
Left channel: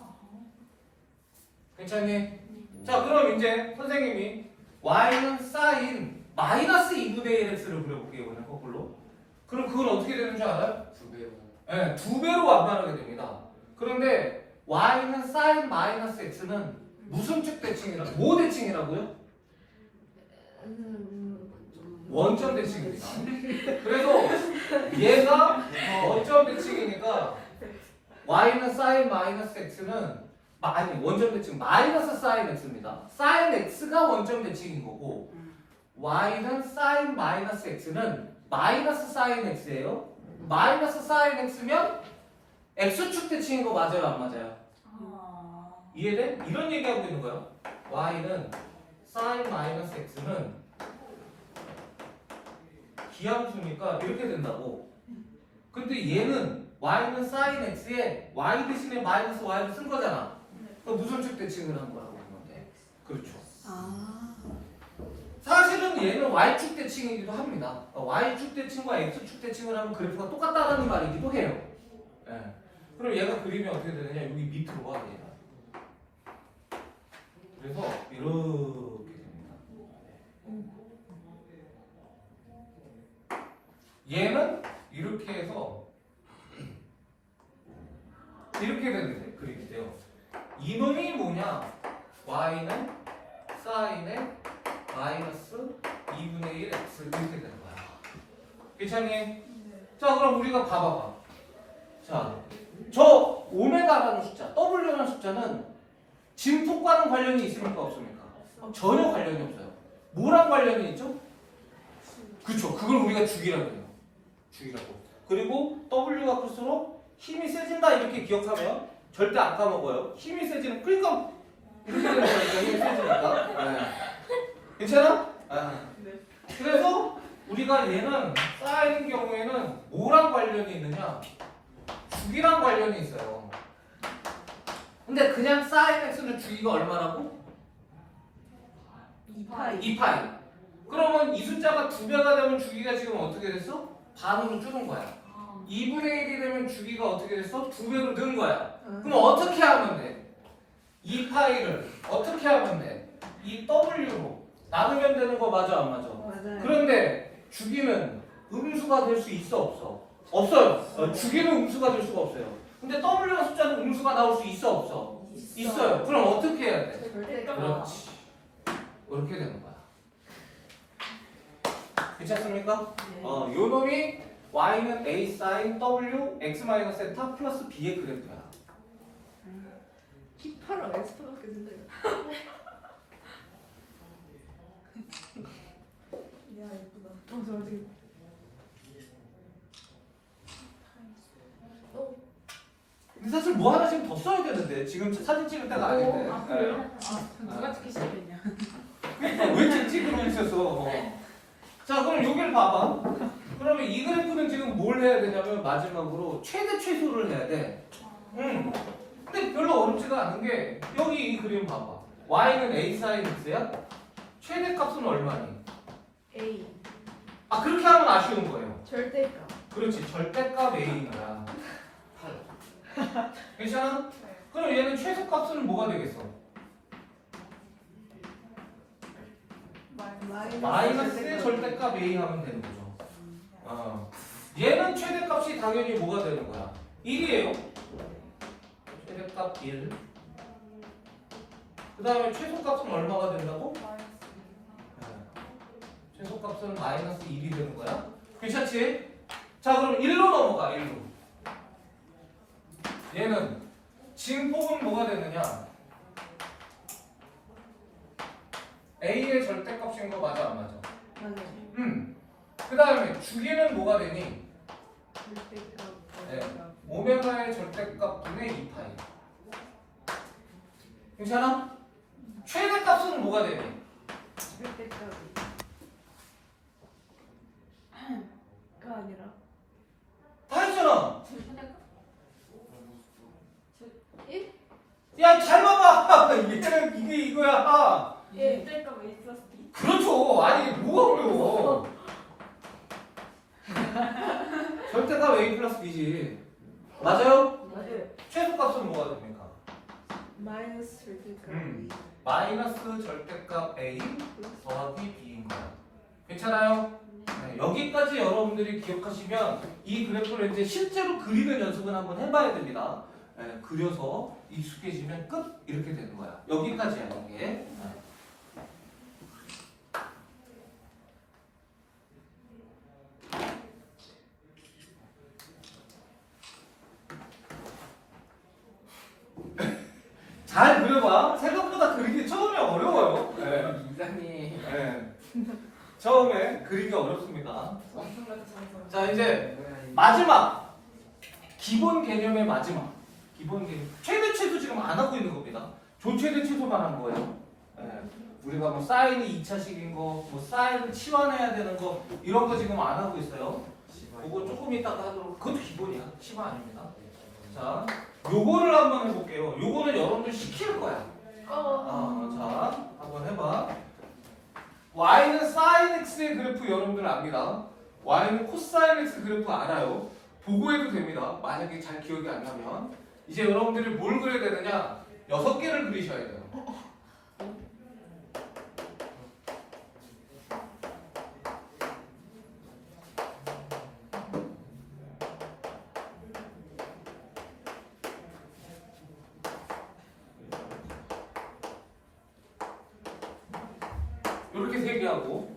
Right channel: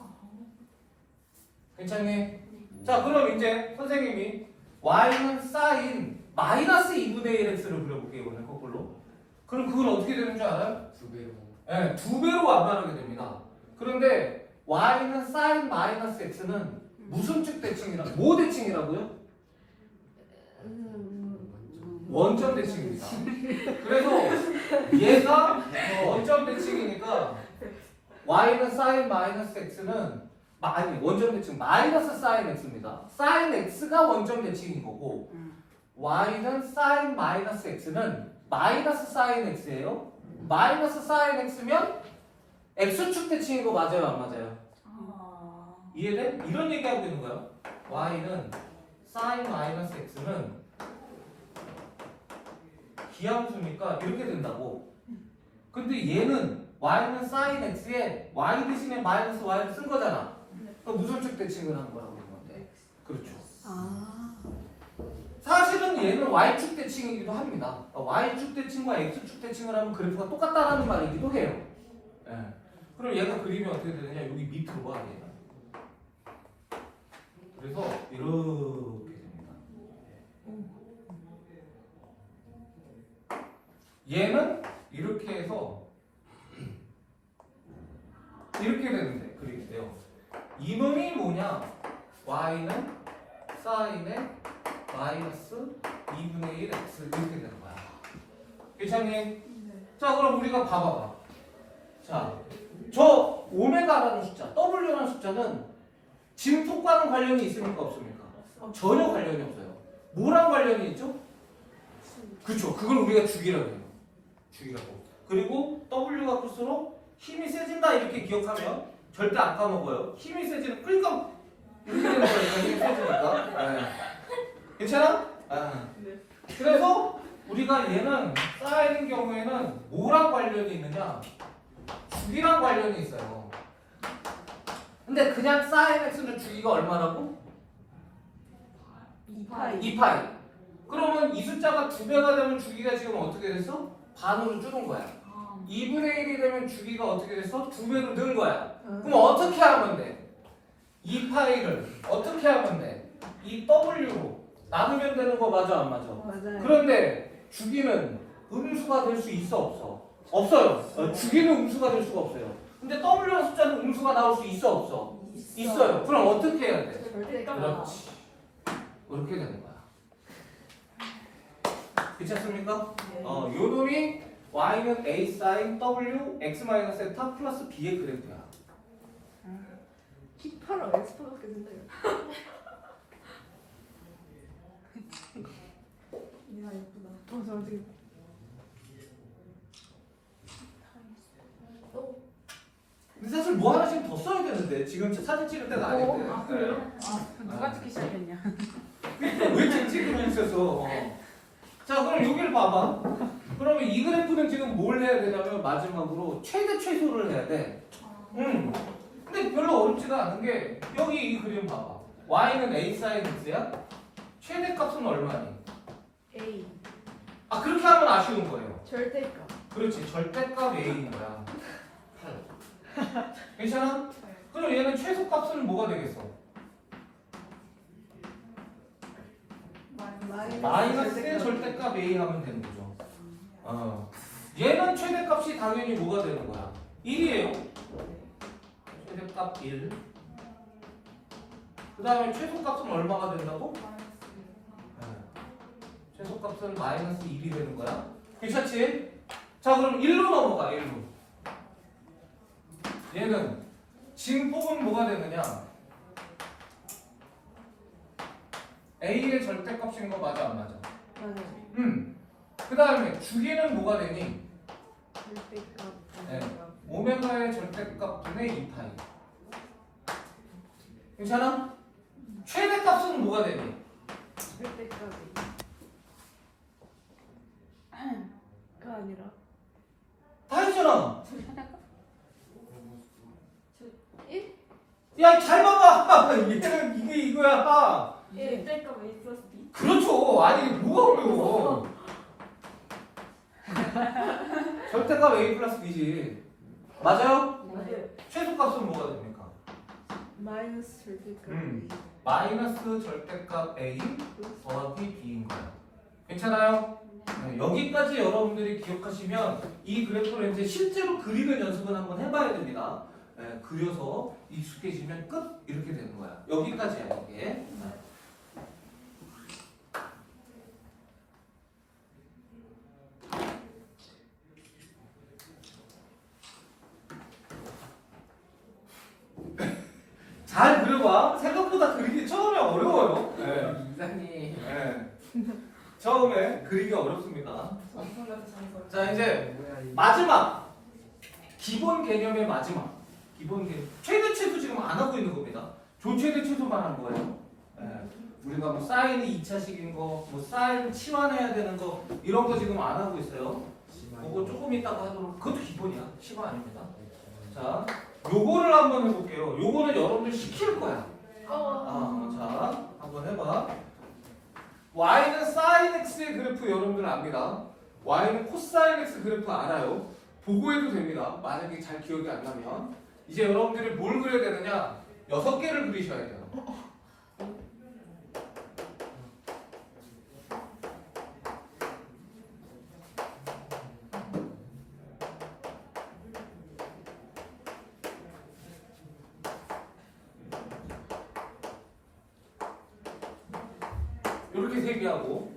괜찮니? 자 그럼 이제 선생님이 y는 sin 마이너스 2분의 1x를 그려볼게요. 이번엔 거꾸로. 그럼 그건 어떻게 되는 줄 알아요? 2배로. 네, 2배로 완변하게 됩니다. 그런데 y는 sin 마이너스 x는 무슨 측 대칭이라 뭐 대칭이라고요? 원점 대칭입니다. 그래서 얘가 원점 대칭이니까 y는 sin 마이너스 x는 아니 원점 대칭 마이너스 sin x입니다. sin x가 원점 대칭인 거고 y는 sin 마이너스 x는 마이너스 sin x예요. 마이너스 sin x면 x축 대칭인 거 맞아요 안 맞아요? 이해돼? 이런 얘기하고 있는 거예요. y는 sin 마이너스 x는 기함수니까 이렇게 된다고. 근데 얘는 y는 sin x에 y 대신에 마이너스 y를 쓴 거잖아. 그럼 무슨 축 대칭을 한 거라고 그런 건데. 그렇죠. 아. 사실은 얘는 y축 대칭이기도 합니다. y축 대칭과 x축 대칭을 하면 그래프가 똑같다라는 말이기도 해요. 예. 그럼 얘가 그리면 어떻게 되느냐? 여기 밑으로 와 얘가. 그래서 이렇게 됩니다. 얘는 이렇게 해서 이렇게 되는데 그리게 돼요. 이놈이 뭐냐? y는 sin의 마이너스 2분의 1 x 이렇게 되는 거야. 괜찮니? 자 그럼 우리가 봐봐봐. 자, 저 오메가라는 숫자, w라는 숫자는 진폭과는 관련이 있습니까? 없습니까? 전혀 관련이 없어요. 뭐랑 관련이 있죠? 그쵸. 그걸 우리가 주기라고 해요. 주기라고. 그리고 w가 클수록 힘이 세진다 이렇게 기억하면 절대 안 까먹어요. 힘이 세지는 그러니까 이렇게 되는 거예요. 힘이 세지니까. 네. 괜찮아? 아. 네. 그래서 우리가 얘는 쌓이는 경우에는 뭐랑 관련이 있느냐? 주기랑 관련이 있어요. 근데 그냥 sin x는 주기가 얼마라고? 2파이. 2파이. 그러면 이 숫자가 2배가 되면 주기가 지금 어떻게 됐어? 반으로 줄은 거야. 2분의 1이 되면 주기가 어떻게 됐어? 2배로 는 거야. 그럼 어떻게 하면 돼? 2파이를 어떻게 하면 돼? 이 w로 나누면 되는 거 맞아 안 맞아? 맞아요. 그런데 주기는 음수가 될 수 있어 없어? 없어요. 주기는 음수가 될 수가 없어요. 근데 w라는 숫자는 음수가 나올 수 있어 없어? 있어요. 그럼 어떻게 해야 돼? 절대값. 그렇지. 이렇게 되는 거야. 괜찮습니까? 네. 요 놈이 y는 a sin w x 마이너스 세타 플러스 b의 그래프야. P파랑 X파밖에 된대요. 야 예쁘다. 저 어떻게? 근데 사실 뭐 하나씩 더 써야 되는데 지금 사진 찍을 때가 아닌데. 아 그래요? 누가 찍기 시작했냐? 왜 찍고 있었어? 자 그럼 여기를 봐봐. 그러면 이 그래프는 지금 뭘 해야 되냐면 마지막으로 최대 최소를 해야 돼. 근데 별로 어렵지가 않은 게 여기 이 그림 봐봐. y는 a sin x야. 최대 값은 얼마니? A. 아 그렇게 하면 아쉬운 거예요. 절대값. 그렇지 절대값 a인 거야. 괜찮아? 그럼 얘는 최소값은 뭐가 되겠어? 마이너스의 절대값 a 하면 되는 거죠. 얘는 최대값이 당연히 뭐가 되는 거야? 1이에요. 최대값 1. 그 다음에 최소값은 얼마가 된다고? 최소값은 마이너스 1이 되는 거야. 괜찮지? 자 그럼 1로 넘어가 1로. 얘는 진폭은 뭐가 되느냐? a의 절대값인 거 맞아 안 맞아? 맞아요. 그 다음에 주기는 뭐가 되니? 절대값. 네. 오메가의 절대값 분의 2파이. 괜찮아? 최대값은 뭐가 되니? 절대값이. 가 아니라. 다 했잖아. 1? 야 잘 봐봐. 얘는 이게 이거야. 예. 절대값 A 플러스 B? 그렇죠. 아니 뭐가 어려워. 절대값 a 플러스 b지. 맞아요? 맞아요. 최소값은 뭐가 됩니까? 마이너스 절대값. 마이너스 절대값 a 더하기 b인 거야. 괜찮아요? 네, 여기까지 여러분들이 기억하시면 이 그래프를 이제 실제로 그리는 연습을 한번 해봐야 됩니다. 네, 그려서 익숙해지면 끝 이렇게 되는 거야. 여기까지야 이게. 네. 잘 그려봐. 생각보다 그리기 처음에 어려워요. 네. 이사님. 네. 처음에 그리기 어렵습니다. 자 이제 마지막 기본 개념의 마지막 기본 개념 최대 최소 지금 안 하고 있는 겁니다. 조 최대 최소만 한 거예요. 네. 우리가 뭐 사인이 2차식인 거, 뭐 사인 치환해야 되는 거 이런 거 지금 안 하고 있어요. 그거 조금 이따가 하도록. 그것도 기본이야. 치환 아닙니다. 자, 요거를 한번 해볼게요. 요거는 여러분들 시킬 거야. 자, 한번 해봐. y는 sin x의 그래프 여러분들 압니다. y는 코사인 x 그래프 알아요. 보고 해도 됩니다. 만약에 잘 기억이 안 나면. 이제 여러분들이 뭘 그려야 되느냐? 6개를 그리셔야 돼요. 이렇게 3개 하고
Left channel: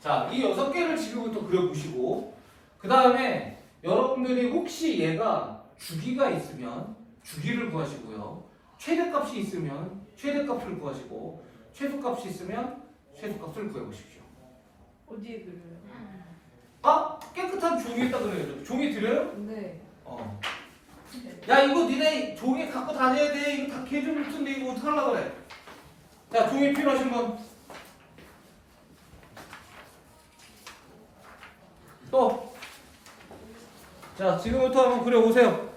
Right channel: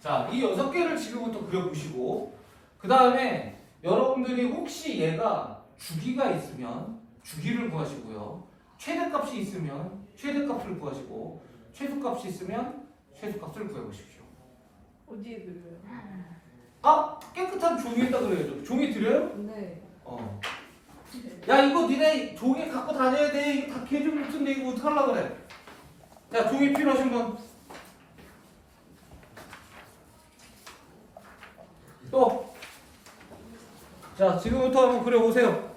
자, 이 6개를 지금부터 그려보시고 그 다음에 여러분들이 혹시 얘가 주기가 있으면 주기를 구하시고요. 최대값이 있으면 최대값을 구하시고 최소값이 있으면 최소값을 구해보십시오. 어디에 그려요? 아? 깨끗한 종이에다 그려야죠. 종이 드려요? 네. 야 이거 니네 종이 갖고 다녀야 돼. 이거 다 개좀 붙은데 이거 어떡하려고 그래. 자 종이 필요하신 분? 또? 자 지금부터 한번 그려보세요.